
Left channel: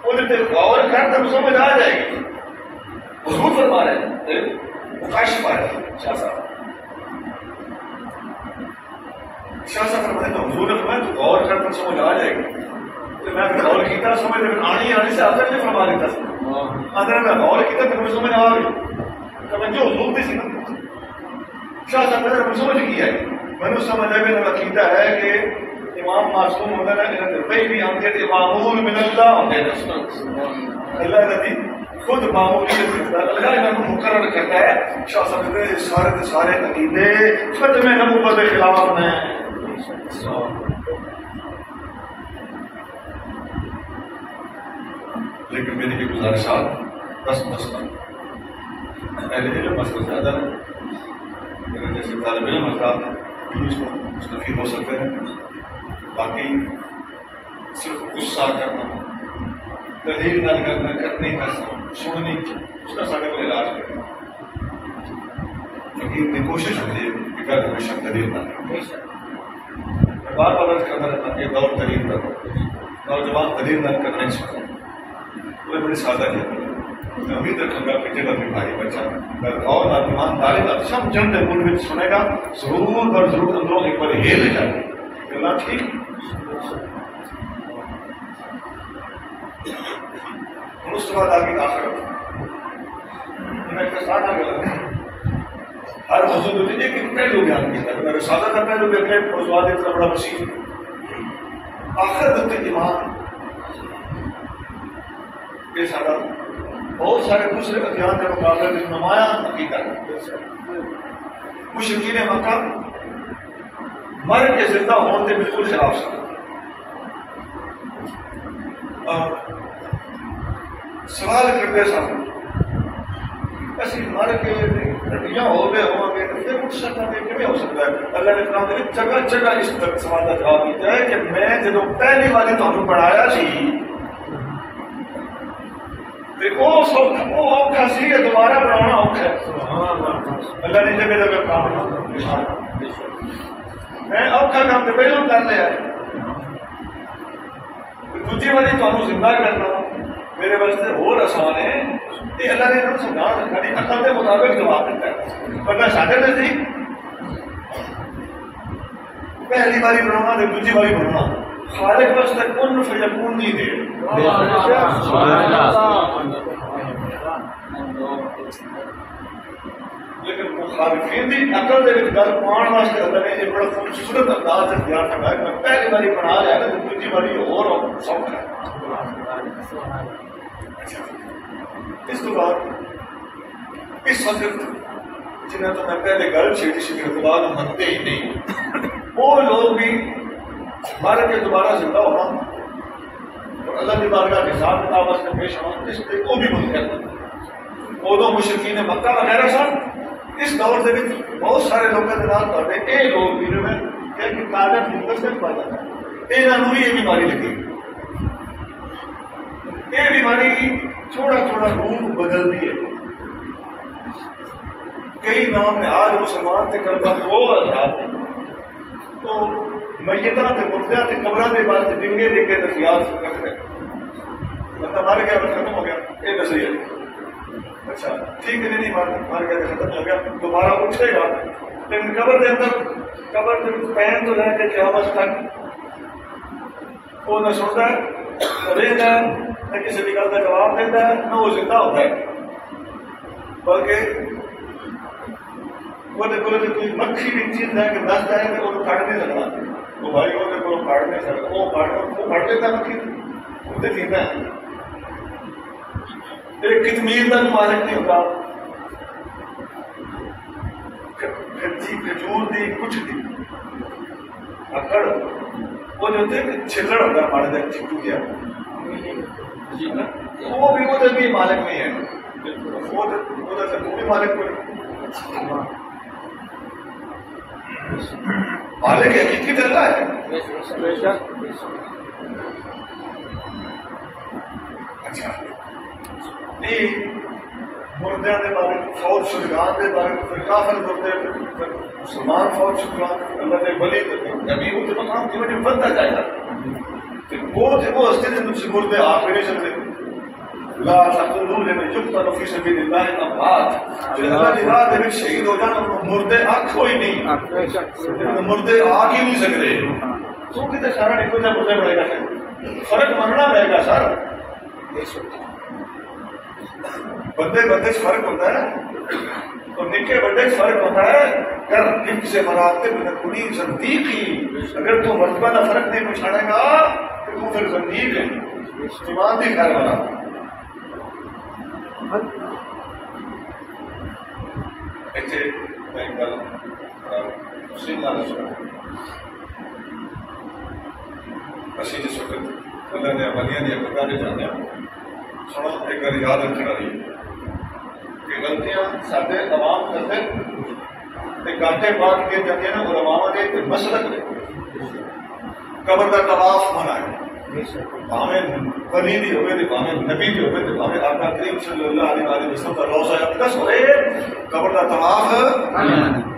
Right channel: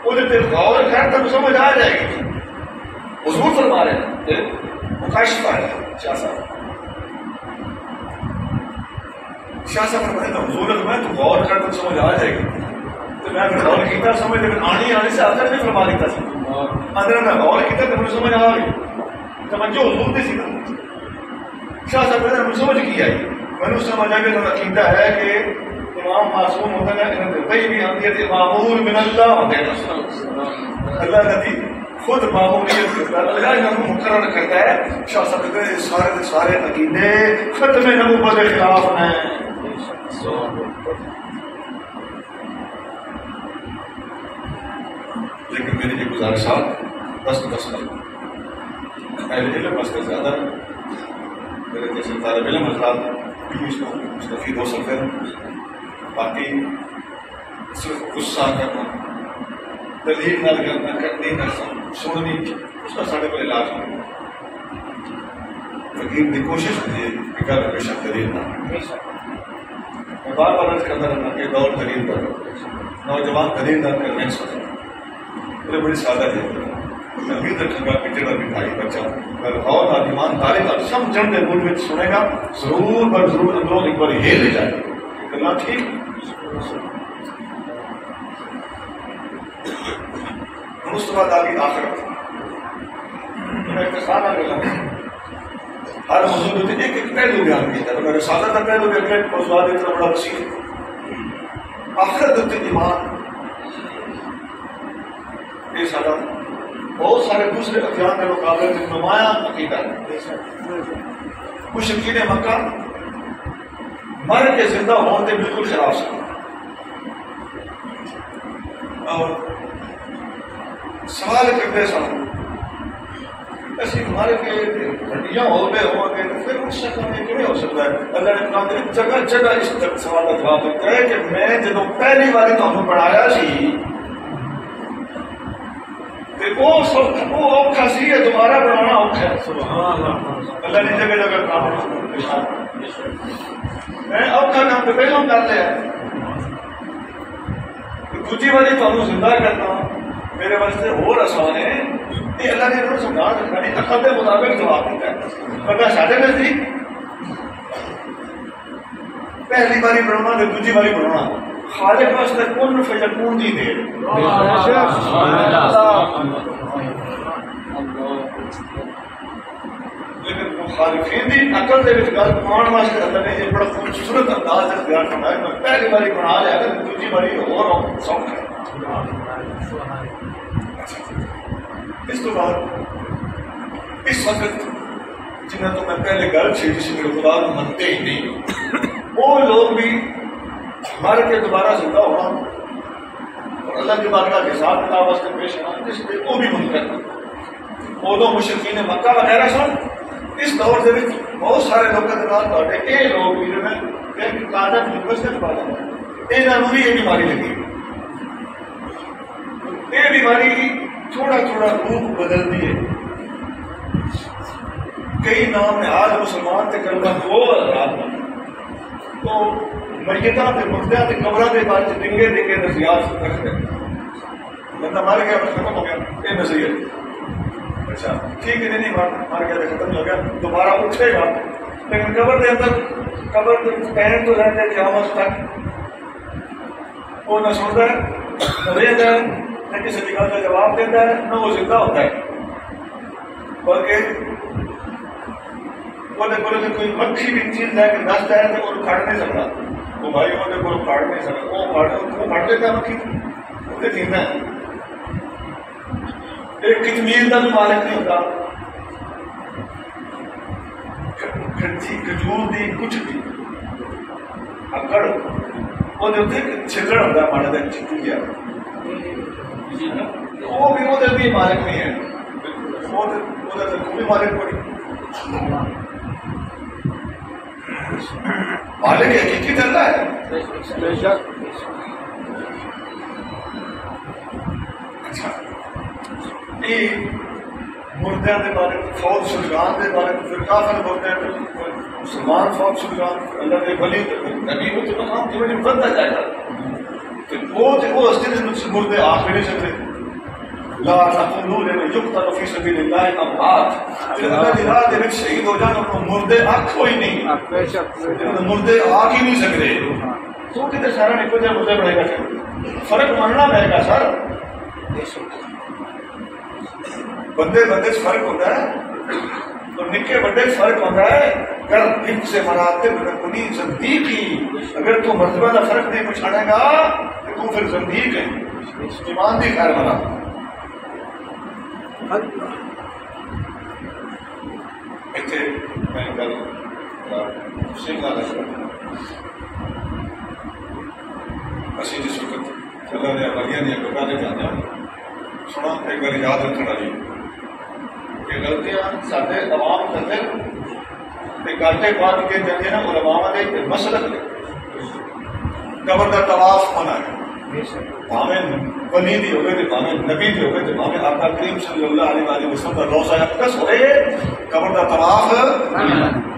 وہ غور کر تب سمجھ آ جائے گی. حضور فرما رہے ہیں مکاشفہ ہے. شاہ صاحب فرماتے ہیں حضور نے فرمایا تو غور کر تب سمجھ آ جائے گی. تو میں غور کیتا سمجھ لیکن آنے سے آدر نے فرما دیتا آدر میں غور کیتا تو مجھے سمجھ آ گئی توجہ حضور دی سی نا. شاہ صاحب نے مجھے سمجھ کی آئی میں سمجھ آیا میرا عقیدہ ہے کہ امام معصوم ہوتا ہے پہلی آتی ہے معمول من اللہ ہوتے ہیں. اللہ نبی خود معمولیت کرتا ہے اللہ انہوں کو مقرر کرتا ہے. شاہ صاحب کہتے ہیں سارے کے سارے عقیدے ختم نبوت کے خلاف ہیں. لیکن میری یہ گزارشات 10 اہل علم اس کا زیادہ ہے. میرے جیسے طالب علم حضرات بھی اس کو مستفید ہو سکتے ہیں. باقی صرف غصہ کرنا دلیل نہ کرنا کرنی نہ سننی اس کا سارے کو علاج کرنا. فقیر کی کوشش ہوتی ہے کہ گھر میں شک دلیل نہ. میں بار بار عرض کرتا رہتا کہ دور دلیل پر نوجوان دلیل نہ کرنا نہیں سکتا. بڑی سادہ ہے. میں امید رکھوں گا کہ جگہ بھی بھائی بچہ اور ایمان طالب سمجھن دے مول میں سنے گا ضرور بر ضرور اندروں ایک بار یہ لے جائے گا ٹھیک. اس کے بعد آگے آخرت میں کسانہ گلا ہر موضوع میں ایک ایک پہلو بیان کیا تھا. میرے سادہ کا پہلو دیکھے موضوعات اتنا بڑا وسیع ہے. آخرت ایمان یہ سارا بہت سارے دوسرے ادیان کے مقابلے میں نمایاں عقیدہ ہے. مشرکین مکہ مر کے زندہ ہونے سے بالکل خلاف سن. اور سوال کرتے سن ایسے ہمارے کے ہڈیاں ہو گئے ہوں گے پھر اٹھ سکتا ہے کہ ہو سکتا ہے. اللہ نے قرآن میں جگہ جگہ اس سوال کا جواب دیتا ہے کہ میں جب پہلی باری تمہیں پڑھایا سی وہ اوکھا سی ہے دوبارہ بنانا اوکھا ہے. اللہ نے جگہ جگہ کام میں اوکھا کام تو پہلوں کر لیا دوسری باری تمہیں زندہ کرنا میرے واسطے اور آسان ہے. یہ اللہ نے انہوں نے سمجھا رکھا عقل کے مطابق جواب دیتا ہے. ورنہ سارے نزدیک پہلی باری بنانا نہیں دوسری باری بنانا خالق واسطے کن فیکون دی دے. لیکن مخالفین دی عقل دے وچ گل پاؤن واسطے اللہ نے یہ بڑا خوبصورت انداز سے بیان فرمایا میں پہلی باری بنا لیا کہ دوسری باری اور سوکھا ہے. اس کے بعد اس وقت جنہیں تو میں پہلے گل چیز جس کے خدا کو منتے ہی نہیں وہ لوگ بھی مر کے دوبارہ زندہ ہونا اور اللہ کی بارگاہ کے حساب کتاب واسطے پیش ہونا اس لیے وہ بھی منکر ہے. وہ مشرکین مکہ وغیرہ سن اس دور سے بہت سارے لوگوں کے نام یہ لوگ بھی جو ہے کاجب یونیورسٹی پا جاتا ہے یہ یہ بیماری لگی. یہ بیماری تھوڑا تھوڑا روپ بدلتی ہے. کئی نام ہے آج مسلمان کے کلمہ وہ آزاد میتاں تے مردیاں تے قبراں دے بارے ڈنگے ڈنگے نصیحت رکھ رہے بندہ مر گیا ختم ہو گیا یہ نصیحت اچھا ٹھیک ہے نہیں مار گیا ختم ہو گیا دوبارہ اٹھے گا لیکن قبر دے اندر قبر پہن تو رہ کے قیامت تک وہ نہ سنتا ہے نہ دیتا ہے نہ کسی بھی گل کا جواب دیتا ہے نہ وہ زندہ ہوتا ہے بلکہ وہ کوئی مکھی بھی چیز ہے کہ دس جائے تو وہ کاٹ نہیں سکتا وہ بھائی وہ کاٹ نہیں سکتا وہ کاٹ دیتا ہے مکھی وہ جیتا ہے ایک کتمیر کا بھی مالک نہیں ہوتا کھجور دی کچھ دی اکڑ وہ جو چھلڑ ہوتا ہے ماڑے دن چھٹو گیا وہ بھی مالک نہیں ہے وہ بھی مالک کو نہیں مالک حقیقی اللہ ہے اچھا مردیاں دے بارے فوج شدگان دے بارے پھر کافر مردے مسلمان فوج شدگان اللہ دے ولی نبی وہ تو مقام دیو جن بنتا جائے گا وہ استے دے مردے آپ میں نہیں سکتے لا تقولوا لمن يقتل في سبيل الله اموات اللہ دی راہ دے وچ شہید ہو جان انہوں مردے آنکھ ہوئی نہیں مردے آگ ہی نہیں سکتے تو کتے سارا نکو جا مردے بڑھے گا فرق ماننا رہے گا سر بندے بندے فرق ہوتا ہے تو نکے بڑے فرق ہوتا ہے کر حفظ سے مراتب نکنی زندیقی اگر تو مرتبہ کا فرق نہیں پچھاڑے گا تو پھر زندیق ہے ایمان دی خیر بنا ایسے میں کل سنگھ اسی جس وقت اللہ نے عملیاں دیا کرنے جانے سنا ایک بار یاد رکھنے والی کہ غلطیاں سارے عوام کرتے گاٹے بات کے جاتے ہیں علماء نے مسلک لے قبر کا طواف ہونا ہے ہمیں ولی دی ہوئے تھے ہمیں نبی دی ہوئے تھے ہمیں آقا کریم صلی اللہ علیہ وسلم کا روضہ اقدس ہوئے قبر کا طواف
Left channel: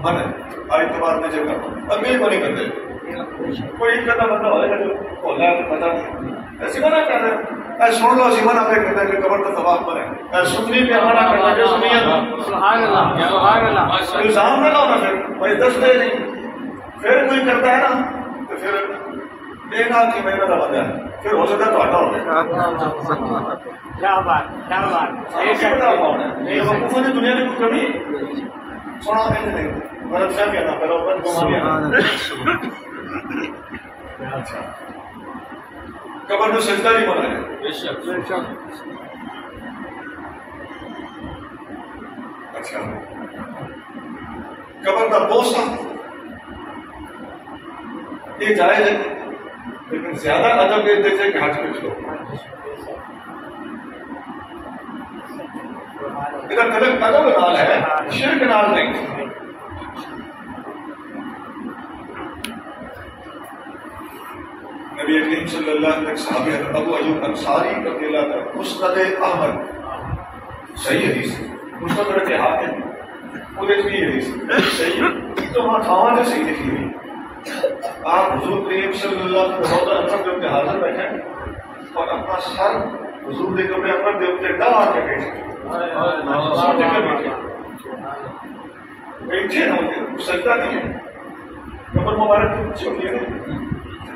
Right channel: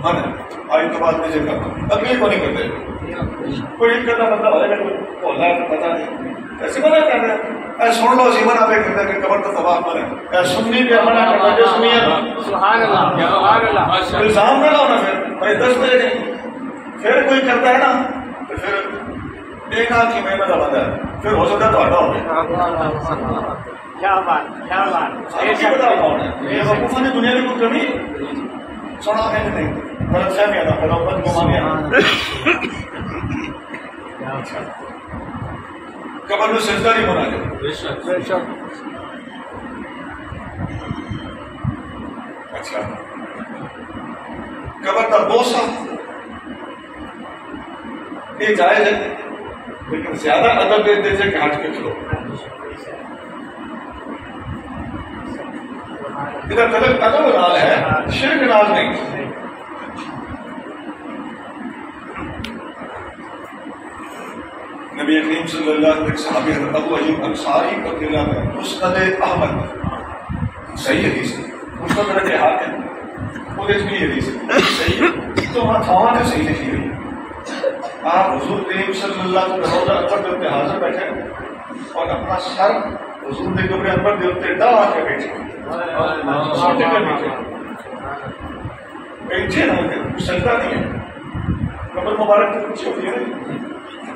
من ہے آئی تو بات نہیں کرنا ابھی کو نہیں کرتے کوئی کرنا بندہ ہوئے گا تو اللہ کو پتہ نہیں ایسے منع کر رہے اے سن لو اسی منع پہ کرتا کہ قبر کا طواف من ہے اے سنی پہ منع کرنا جو سنی ہے سبحان اللہ سبحان اللہ الزام نہ لاؤ نا پھر بھائی دس بجے نہیں پھر کوئی کرتا ہے نا تو پھر ایک آدھ کی محنت کا بندہ ہے پھر ہو سکتا ہے تو ہٹا ہو گیا کیا بات کیا بات بتاؤ کون ہے یہ حقوق نے دنیا کی کوئی کمی سنا ہے نہیں غلط فہمی آنا پہلے بند گما گیا قبر میں سجدہ نہیں بنا گیا اچھا قبر کا بوسہ یہ جائز ہے لیکن زیادہ ادب دیتے تھے کہ ہاتھ پہ چلو ادھر قدم نال ہے شرک نال نہیں نبی کریم صلی اللہ علیہ وسلم صحابی حضرت ابو ایوب انصاری رضی اللہ عنہ مسند احمد صحیح حدیث ہے مسند رکھے حاکم وہ بھی حدیث ہے صحیح تو وہاں تھاواں نے صحیح لکھی ہوئی آپ حضور کریم صلی اللہ علیہ وسلم روضہ اطہر کے اوپر حاضر بیٹھے اور اپنا سر حضور کے قبر انور کے اوپر ڈال کے بیٹھے بیٹھے نہ ہوتے سجدہ نہیں ہے قبر مبارک کی اونچی ہوتی ہے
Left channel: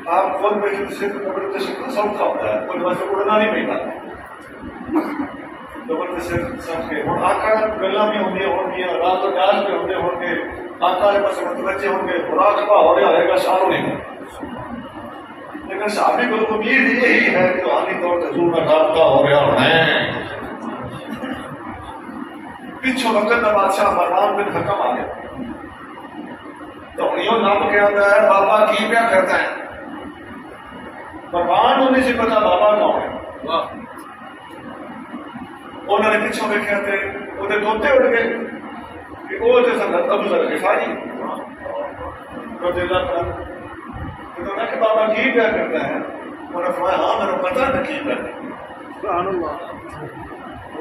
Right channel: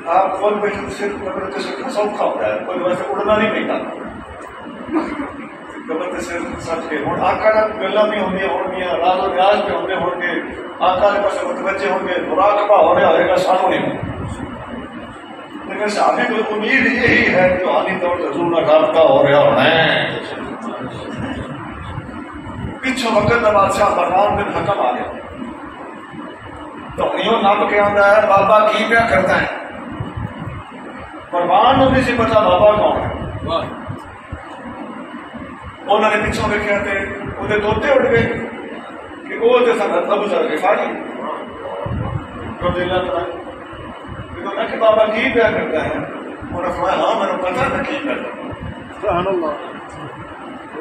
آپ فون بیٹھے صرف قبر کے سکھا سوکھا ہوتا ہے کوئی ویسے اڑنا نہیں پہنتا قبر کے صرف سچ کے ہوں آقا گلا بھی ہوں گے راز و نیاز بھی ہوں گے آقا کے پاس متوجہ ہوں گے مراقبہ ہو رہا ہوئے گا ساروں نہیں لیکن صحابی کو امید یہی ہے کہ روحانی طور سے حضور کا رابطہ ہو رہا ہونا ہے پیچھے وقت میں بادشاہ مروان بن حکم آ گیا تو یوں نام کے آتا ہے بابا کی کیا کرتا ہے مروان ہونے سے پتا بابا کون ہے انہوں نے پیچھوں دیکھے تھے انہیں توتے اٹھ گئے کہ وہ تھے سنت ابو ذر غفاری رضی اللہ تعالیٰ کہ بابا کی کیا کرتا ہے انہوں نے فرمایا ہاں میں نے پتا نہ کی کرتا سبحان اللہ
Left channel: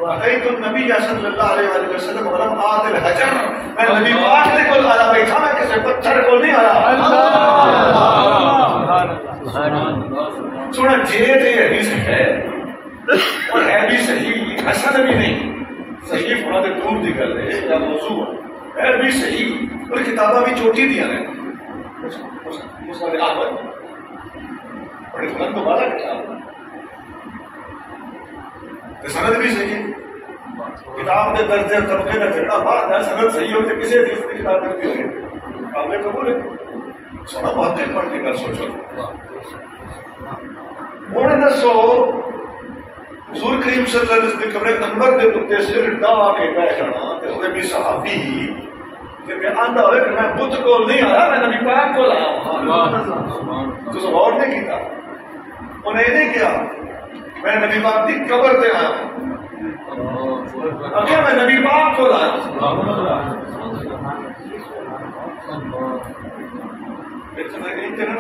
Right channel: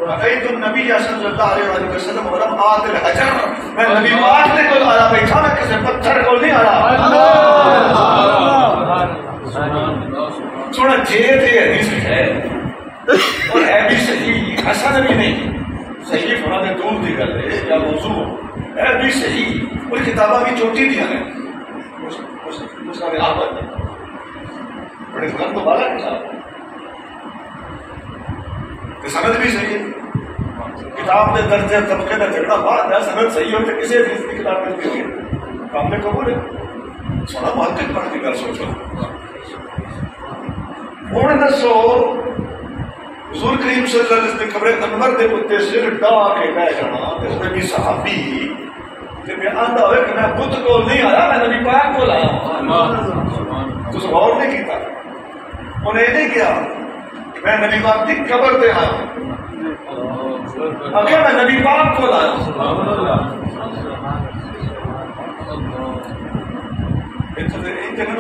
رأيت النبي صلی اللہ علیہ وسلم ولم آت الحجر میں نبی پاک نے کوئی آیا بیٹھا میں کسی پتھر کو نہیں آیا جے تے حدیث ہے اور ہے بھی صحیح، حسن بھی نہیں، صحیح ہونا تے دور دی گل ہے یا موضوع ہے بھی صحیح، اور کتاباں بھی چوٹی دیاں ہیں اس کا آباد بڑے فن تو بالا کتاب تے سند بھی صحیح ہے، کتاب کے درجے طبقے کا جھگڑا بعد ہے، سند صحیح ہو تو کسی حدیث کی کتاب میں کام میں قبول ہے، سونا محقق پڑھ کے کر سوچو۔ ہوں دسو حضور کریم صلی اللہ علیہ وسلم قبر انور دے اتنے سر ڈا کے بہ جانا تے وہ بھی صحابی تے میں آندا ہوئے کہ میں بت کو نہیں آیا، میں نبی پاک کو آیا۔ تو غور نہیں کیتا، انہیں یہ نہیں کیا میں نبی پاک کی قبر پہ آیا اگر میں نبی پاک کو آیا۔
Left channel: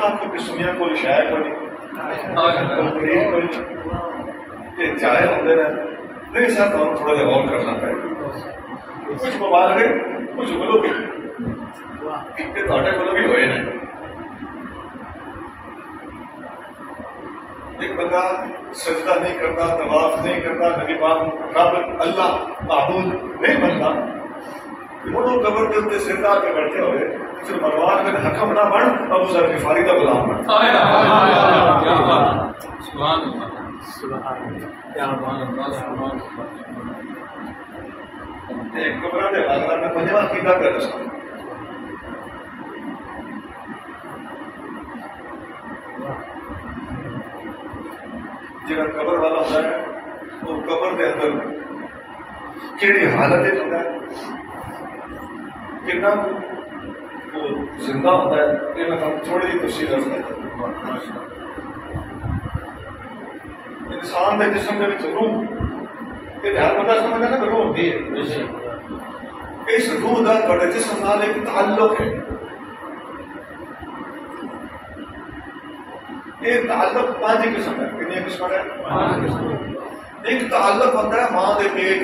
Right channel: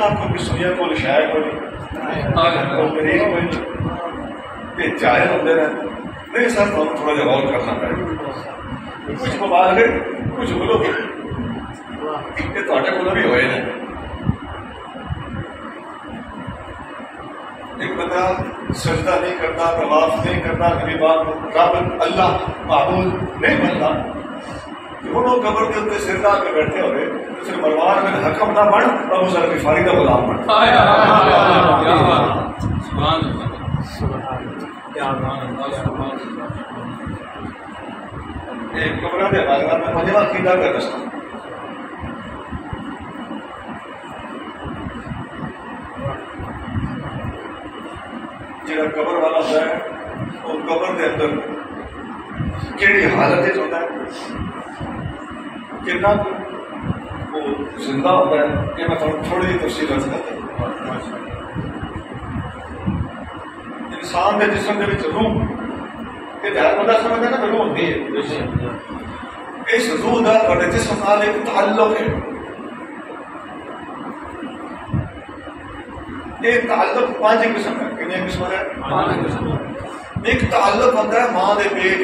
آپ کو بھی سنیا کو شاید کو چاہے ہوتے رہے نہیں سر تو تھوڑا جا غور کرنا پڑے گا، کچھ مبالغے کچھ بولو گے کہ تھوڑے کو بھی ہوئے نہیں۔ ایک بندہ سجدہ نہیں کرتا، طواف نہیں کرتا، نبی پاک رب اللہ معبود نہیں بنتا، وہ قبر کے اتنے سر لا کے بیٹھے ہوئے صرف مروان میں حکم نہ بن ابو ذر غفاری کا غلام بن۔ ایک قبر کے حوالے میں مجھے عقیدہ کا رسم جہاں قبر والا ہوتا ہے وہ قبر کے اندر کیڑی حالت ہوتا ہے، کتنا وہ زندہ ہوتا ہے، یہ میں تھوڑی جی تفصیل عرض کرتا ہوں۔ انسان کے جسم کے روح یہ ہر بندہ سمجھتا ہے نا روح ہوتی ہے، اس روح کا بڑے جسم نال ایک تعلق ہے، یہ تعلق پانچ قسم ہے، کتنے قسم ہے؟ ایک تعلق ہوتا ہے ماں کے پیٹ،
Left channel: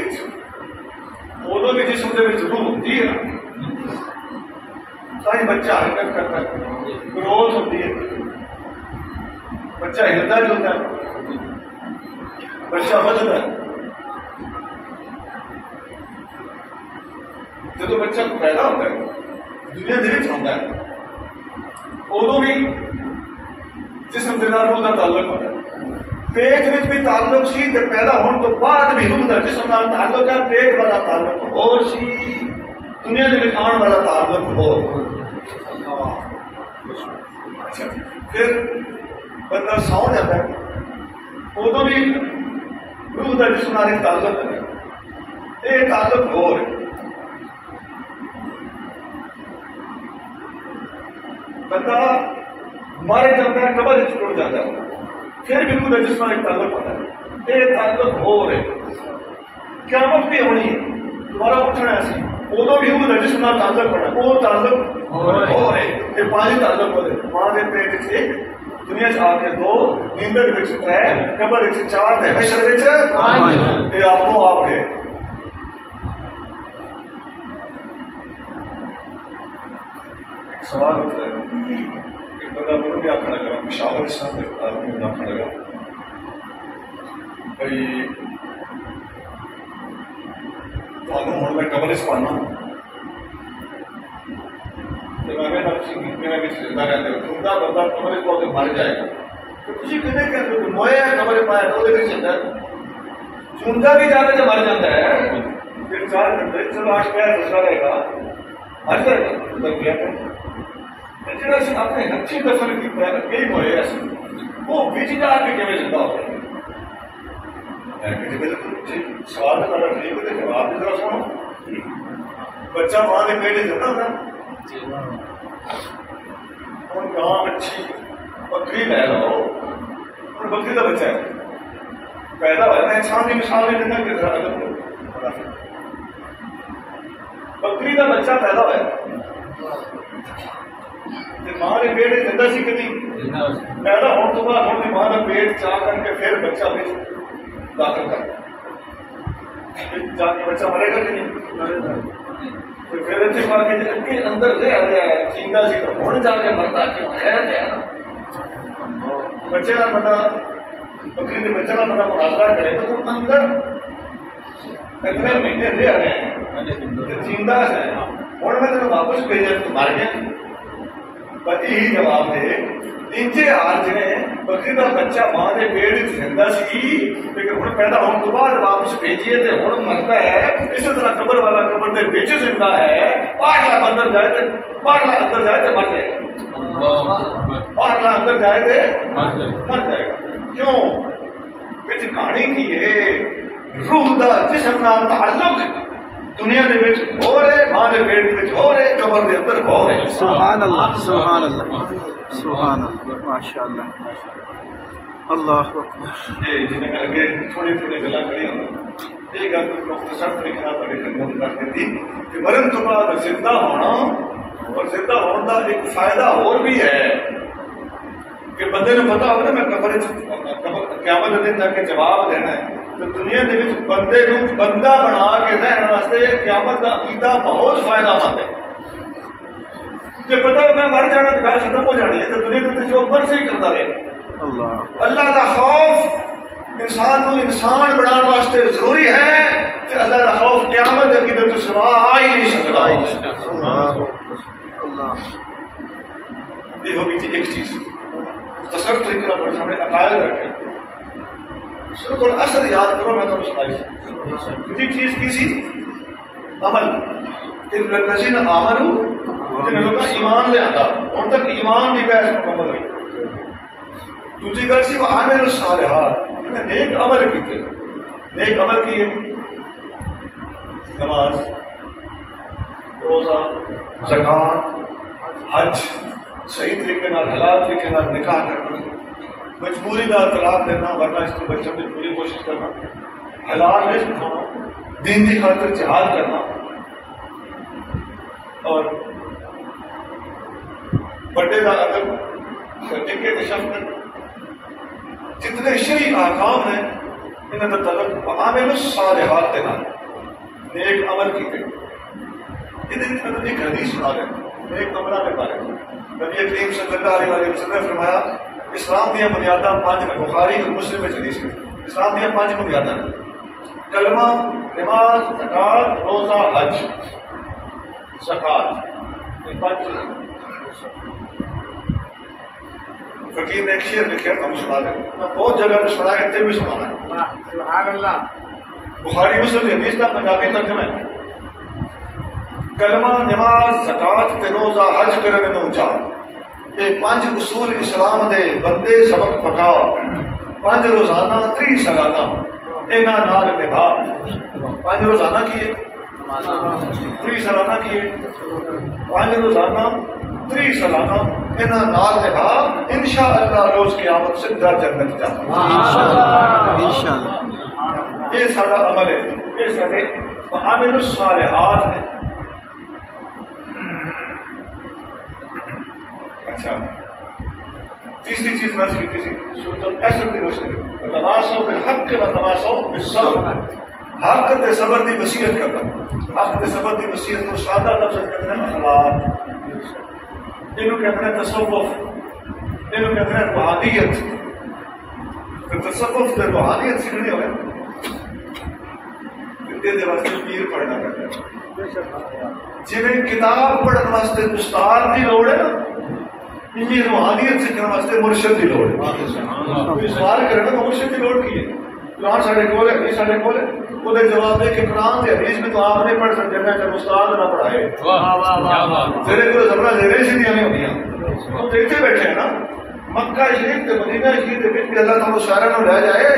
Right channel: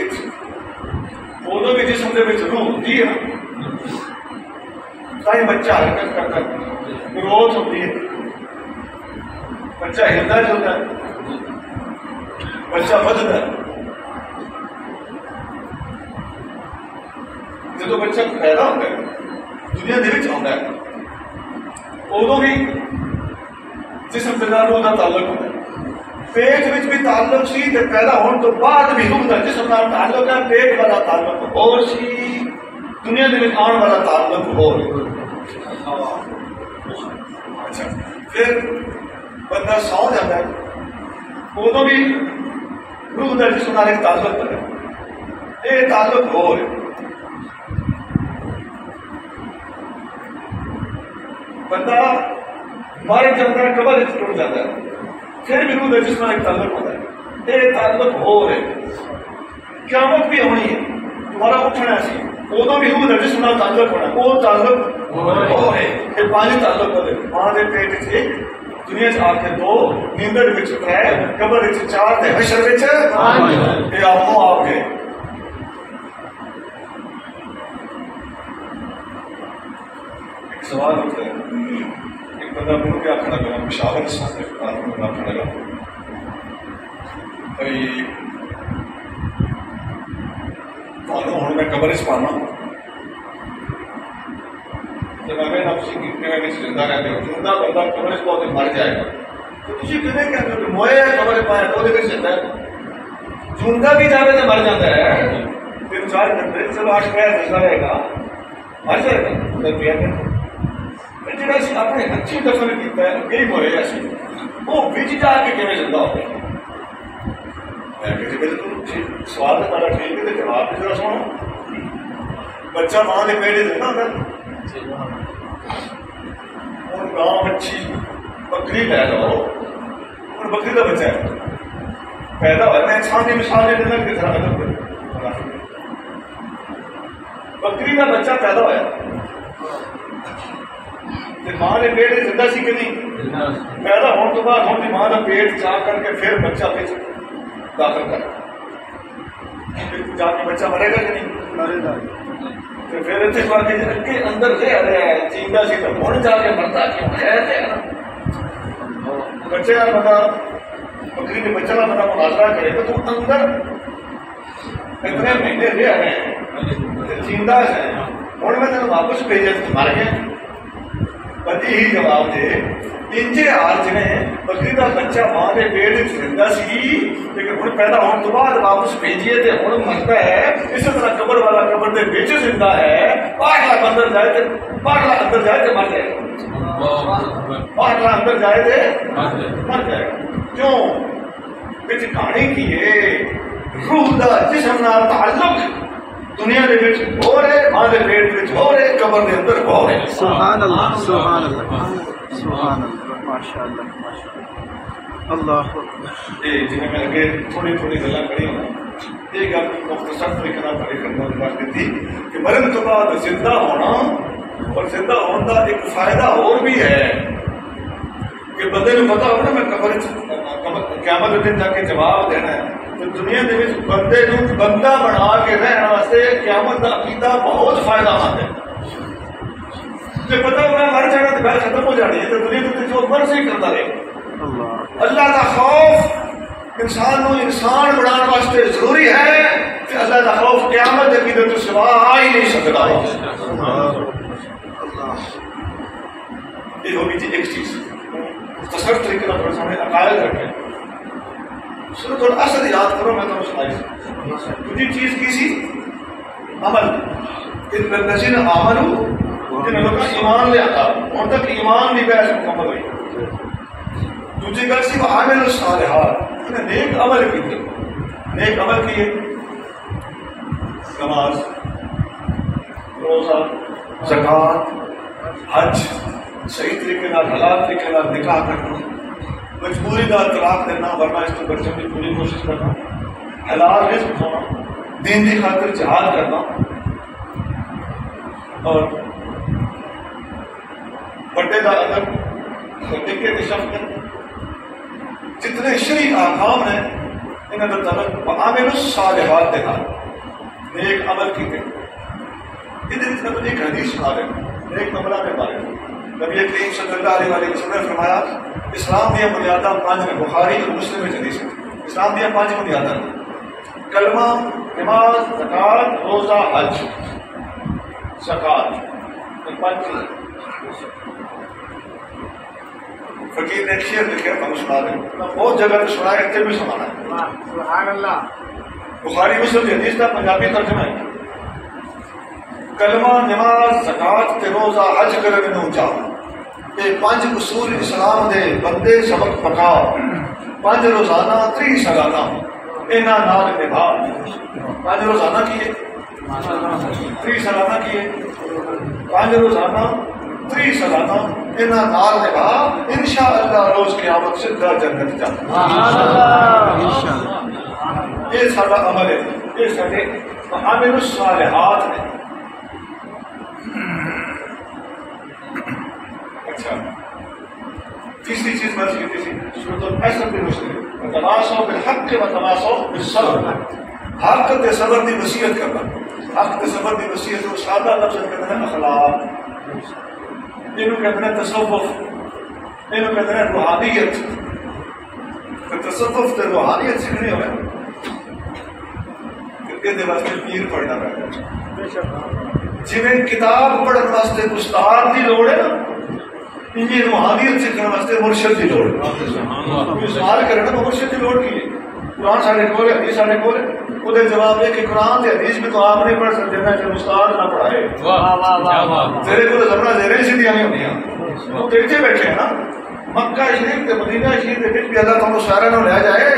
ادو بھی جسم کے روح ہوتی ہے، ساری بچہ حرکت کرتا ہے، گروتھ ہوتی ہے، بچہ ہلتا جلتا ہے، بچہ بدتا ہے۔ جب بچہ پیدا ہوتا ہے دنیا دل ہوتا ہے ادو بھی جسم کے روح کا تعلق ہوتا ہے، پیٹ میں بھی تعلق سی تے پیدا ہونے تو بعد بھی روح کا جسم کا تعلق ہے، پیٹ والا تعلق اور سی دنیا کے آنے والا تعلق اور اچھا پھر بندہ سو جاتا ہے ادو بھی روح کا جسم کا تعلق ہے، یہ تعلق ہو رہے بندہ مر جاتا ہے، قبر ٹوٹ جاتا ہے، پھر بھی روح کا جسم کا تعلق ہوتا ہے، یہ تعلق ہو رہے قیامت بھی ہونی ہے، تمہارا اٹھنا سی ادو بھی روح کا جسم کا تعلق ہونا، وہ تعلق ہو رہے یہ پانچ تعلق ہوتے، ماں کے پیٹ سے ایک، دنیا آ کے دو، نیندر تر، قبر چار، حشر یہ آپ آپ کے سوال ہوتا ہے۔ ایک بندہ میرے کیا آخر لگا پشاور سے آدمی آخر لگا بھائی ہوں میں قبر چ پانا زندہ رہتے ہو، زندہ بندہ قبر چ پاؤ مر جائے گا، تو تھی کہتے کہ مویا قبر پایا تو وہ زندہ زندہ بھی جاتا ہے مر جاتا ہے، پھر 4 گھنٹے سب 8 پیر زندہ رہے گا مر جائے گا، جا اپنے اچھی دفن کیا کئی مویا وہ بچ جا کے کیون زندہ ہوتے ہیں؟ سوال تو بڑا ٹھیک ہے، جواب بھی ذرا سنو۔ بچہ ماں کے پیٹ زندہ ہوتا ہے، اور گاں مچھی بکری لے لو، اور بکری کا بچہ ہے پیدا ہوا، میں انسان کی مثال لے لینا کہ ذرا الگ بکری کا بچہ پیدا ہوا ماں نے پیٹ زندہ سی کہ نہیں، پیدا ہونے تو بعد ہوں ماں کا پیٹ چاہ کر کے پھر بچہ داخل کر جا کے بچہ مرے گا کہ نہیں، پھر اتنے کے اندر رہ رہا ہے چیندا سی تو ہوں جا کے مرتا کیوں ہے نا، بچے کا بندہ بکری کے بچہ کا بڑا مناظرہ کرے گا تو اندر اتنے مہینے رہ رہے ہیں زندہ ہے ہوں میں تین واپس بھیجا مر گیا پتی ہی جواب دے انجے حال جی بکری کا بچہ ماں کے پیٹ زندہ سی لیکن ہوں پیدا ہونے کے بعد واپس بھیجیے تو ہوں مرتا ہے اسی طرح قبر والا قبر کے بچ زندہ ہے پاگلا اندر جائے تو پاگلا اندر جائے تو مر جائے گا پاگلا اندر جائے تو مر جائے گا کیوں بچ کہانی کی ہے روح دا جسم نال تعلق دنیا دے وچ ہو رہے ماں دے پیٹ وچ ہو رہے قبر دے اندر ہو رہے سبحان اللہ سبحان اللہ سبحان اللہ ماشاءاللہ اللہ اکبر یہ جنہیں میں اگے تھوڑی تھوڑی گلاں کری ہوں یہ گل مختصر طریقے نال پڑھی کرنا رکھ دیتی کہ مرن تو بعد زندہ ہونا اور زندہ ہونے کا ایک فائدہ اور بھی ہے کہ بندے نے پتا ہونا میں قبر قیامت کے دن تک جواب دینا ہے تو دنیا کے بندے کو بندہ بنا کے رہنے واسطے قیامت کا عقیدہ بہت فائدہ مند ہے کہ پتا میں مر جانا تو گل ختم ہو جانی ہے تو دنیا کے جو مرضی کرتا رہے اللہ کا خوف انسان کو انسان بنانے واسطے ضروری ہے کہ اللہ کا خوف قیامت کے عقیدے تو سوا آ ہی نہیں سکتا یہ ہوگی ایک چیز تصرف طریقے کا بڑا سامنے عقائد رکھے سر تھوڑا اثر یاد کرو میں تمہیں سنائی دوسری چیز کی سی عمل ان الذین آمنوا جن لوگوں کا ایمان لے آتا ان تک ایمان نہیں بحث مکمل ہوئی دوسری گل سی وعاملوا الصالحات انہیں نیک عمل کیے نیک عمل کیے نماز روزہ زکوٰۃ حج صحیح طریقے نال حلال طریقے نال نکاح کرنا مجبوری کا طلاق دینا ورنہ اس کو بچوں کی پوری کوشش کرنا حلال رزق کھانا دین کی خاطر جہاد کرنا اور بڑے کا ادب نکے کی شفقت جتنے شرعی احکام ہیں انہوں نے تعلق وعاملوا الصالحات کے ساتھ نیک عمل کیتے یہ ایک حدیث سنا رہے ایک کمرہ کے بارے میں نبی کریم صلی اللہ علیہ وسلم نے فرمایا اسلام دیا بنیاداں پانچ نے بخاری اور مسلم میں حدیث ہے اسلام دیا پانچ بنیاداں کلمہ نماز زکوٰۃ روزہ حج زکوٰۃ یہ پانچ چیزیں فقیر نے ایک شعر لکھا ہم سنا دیں بہت جگہ پہ سنا ہے اتنے بھی سنانا ہے سبحان اللہ بخاری مسلم کی حدیث کا پنجابی ترجمہ ہے کلمہ نماز زکوٰۃ تے روزہ حج کرنے نو جا یہ پانچ اصول اسلام دے بندے سبق پکا پانچ روزانہ 30 سالانہ اینا نال نبھا پانچ روزانہ کیے 30 سالانہ کیے پانچ روزانہ 30 سالانہ اینا نال نبھا انشاءاللہ روز قیامت سیدھا جنت جا یہ سارا عمل ہے یہ سارے وعاملوا الصالحات ہیں اچھا تیسری چیز میں سیکھتی تھی سورۃ الحشر کی روشنی وتواصوا بالحق وتواصوا بالصبر حق تے صبر دی وصیت کرنا حق تے صبر دی وصیت کو سادہ لفظ کہتے ہیں اخلاق اینو کہتے ہیں تصوف اینو کہتے ہیں روحانیت تصوف تے روحانیت سیکھنی ہوئے کہ واسطے پیر پڑھنا پڑتا جی کتاب پڑھنے واسطے استاد کی لوڑ ہے نا یہ روحانیت سیکھنے واسطے مرشد کی لوڑ ہے سوال کرنا تو مرشد کی لوڑ کی ہے قرآن سارے کول ہے حدیث سارے کول ہے وہ جواب ہے کہ قرآن سے حدیث میں تو آپ نہیں پڑھ سکتے میں چل استاد نہ پڑھائے تیرے کو زبرہ زیریں سیدھیاں نہیں ہوندیاں وہ دیکھتے بیٹھے ہیں نا مکہ شریف تے مدینہ شریف دے وچ بھی اللہ تعالی سارے نوں لے جائے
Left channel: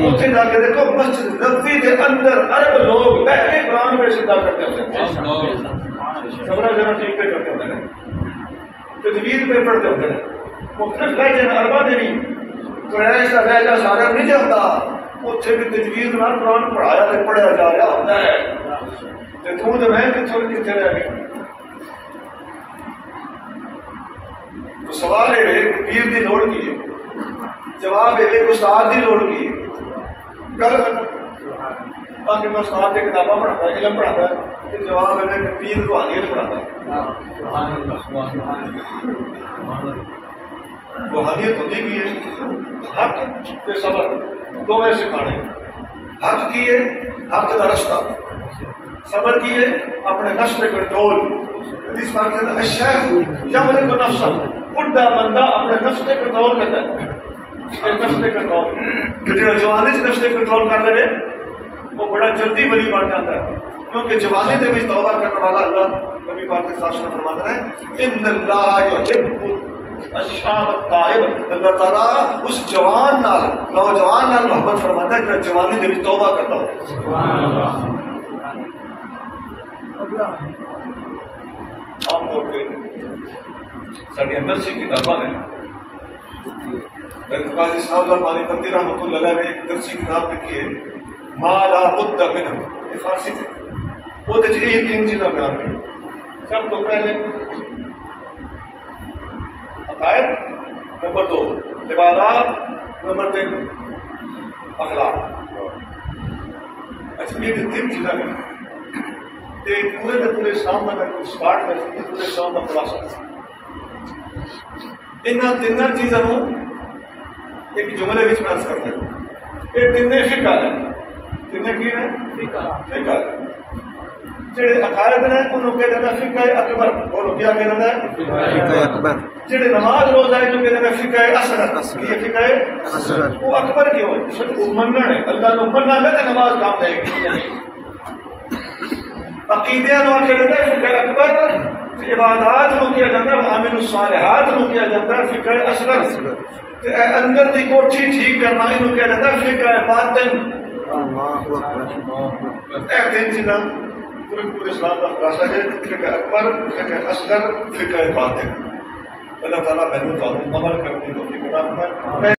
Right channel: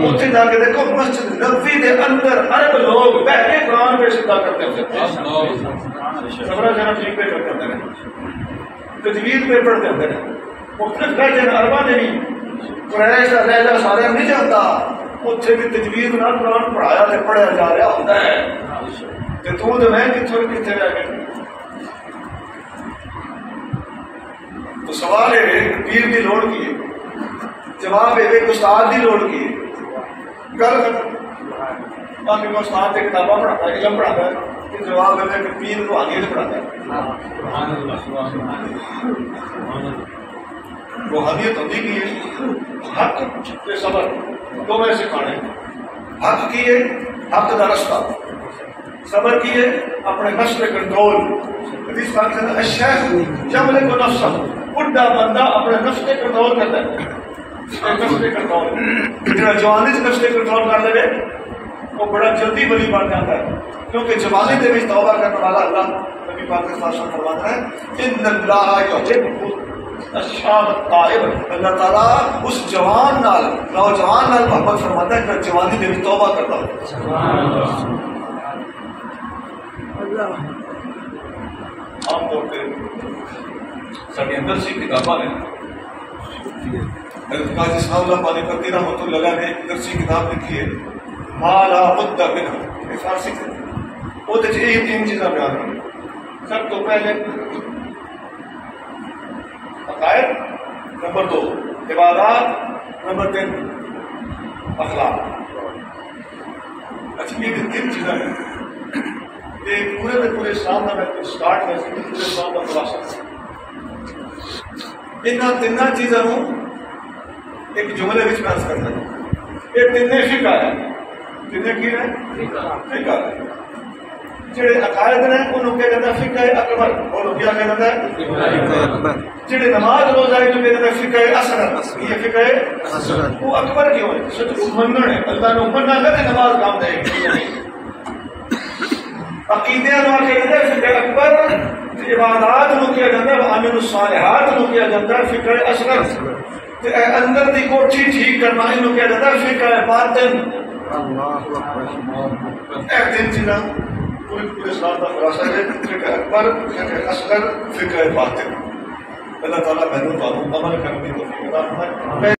اوتھے جا کے دیکھو مسجد نبوی دے اندر عرب لوگ پہلے قرآن پہ سجدہ کرتے ہوتے زبرہ زیریں شریف پہ کرتے ہوتے ہیں تجوید پہ پڑھتے ہوتے ہیں مختلف لہجے عربہ دے بھی قریش کا لہجہ سارا نہیں جانتا اتنے بھی تجوید نال قرآن پڑھایا تے پڑھیا جا رہا ہوتا ہے تے تو تے میں کتھوں کتھے رہ گئے تو سوال ہے کہ پیر کی لوڑ کی ہے جواب ہے کہ استاد کی لوڑ کی ہے گل ختم باقی میں استاد سے کتاباں پڑھاتا ہے علم پڑھاتا ہے تو جواب ہے کہ پیر روحانیت پڑھاتا ہے روحانیت ہوتی کی ہے حق تے صبر دو میں سکھانے حق کیے حق دا رستہ صبر کیے اپنے نفس پہ کنٹرول حدیث پاک میں کہتا ہے الشیخ یملک نفسہ بڈھا بندہ اپنے نفس پہ کنٹرول کرتا ہے نفس پہ کنٹرول جو جوانی سے نفس پہ کنٹرول کر لے وہ بڑا جلدی ولی بن جاتا ہے کیونکہ جوانی دے وچ توبہ کرنے والا اللہ نبی پاک کے ساتھ فرماتا ہے ان اللہ یحب الشاب الطائب اللہ تعالیٰ اس جوان نال نوجوان نال محبت فرماتا ہے کہ جوانی دے وچ توبہ کرتا ہو سبحان اللہ عام طور پہ ساری اندر سے کتاباں ہیں حضرت قاضی صاحب اللہ پانی پتی رحمۃ اللہ علیہ نے ایک درسی کتاب لکھی ہے مالا مدہ منہ یہ فارسی سے وہ تو یہی تین چیزیں بیان کی سب تو پہلے عقائد نمبر 2 عبادات نمبر 3 اخلاق اچھا یہ تین چیزیں ہیں ایک پورے میں پورے اسلام کا میں اسٹارٹ کر سکتی پورے اسلام کا خلاصہ ان تین چیزوں ایک جملے میں پیش کرتا ہے یہ تین فقہ ہے تین کی ہے فقہ ہے جڑے عقائد نے انہوں کہا جاتا ہے فقہ اکبر اور کیا کہا جاتا ہے فقہ اکبر جڑے نماز روزہ ہے جو کہا جاتا ہے فقہ اصغر یہ فقہ اصغر وہ اکبر کیوں ہے سچ مننا ہے اللہ نے مننا ہے کہ نماز کام دے گی یا نہیں عقیدے نو کہا جاتا ہے فقہ اکبر عبادات نو کیا جاتا ہے عامل الصالحات نو کیا جاتا ہے فقہ اصغر اندر دی کوٹھی ٹھیک کرنا انہوں کیا جاتا ہے فقہ باطن اللہ اکبر ایک دن چیزاں پورے اسلام کا خلاصہ ہے فقہ اکبر فقہ اصغر فقہ باطن اللہ تعالیٰ بہنوں عمل کرنے کی توفیق عطا فرمائے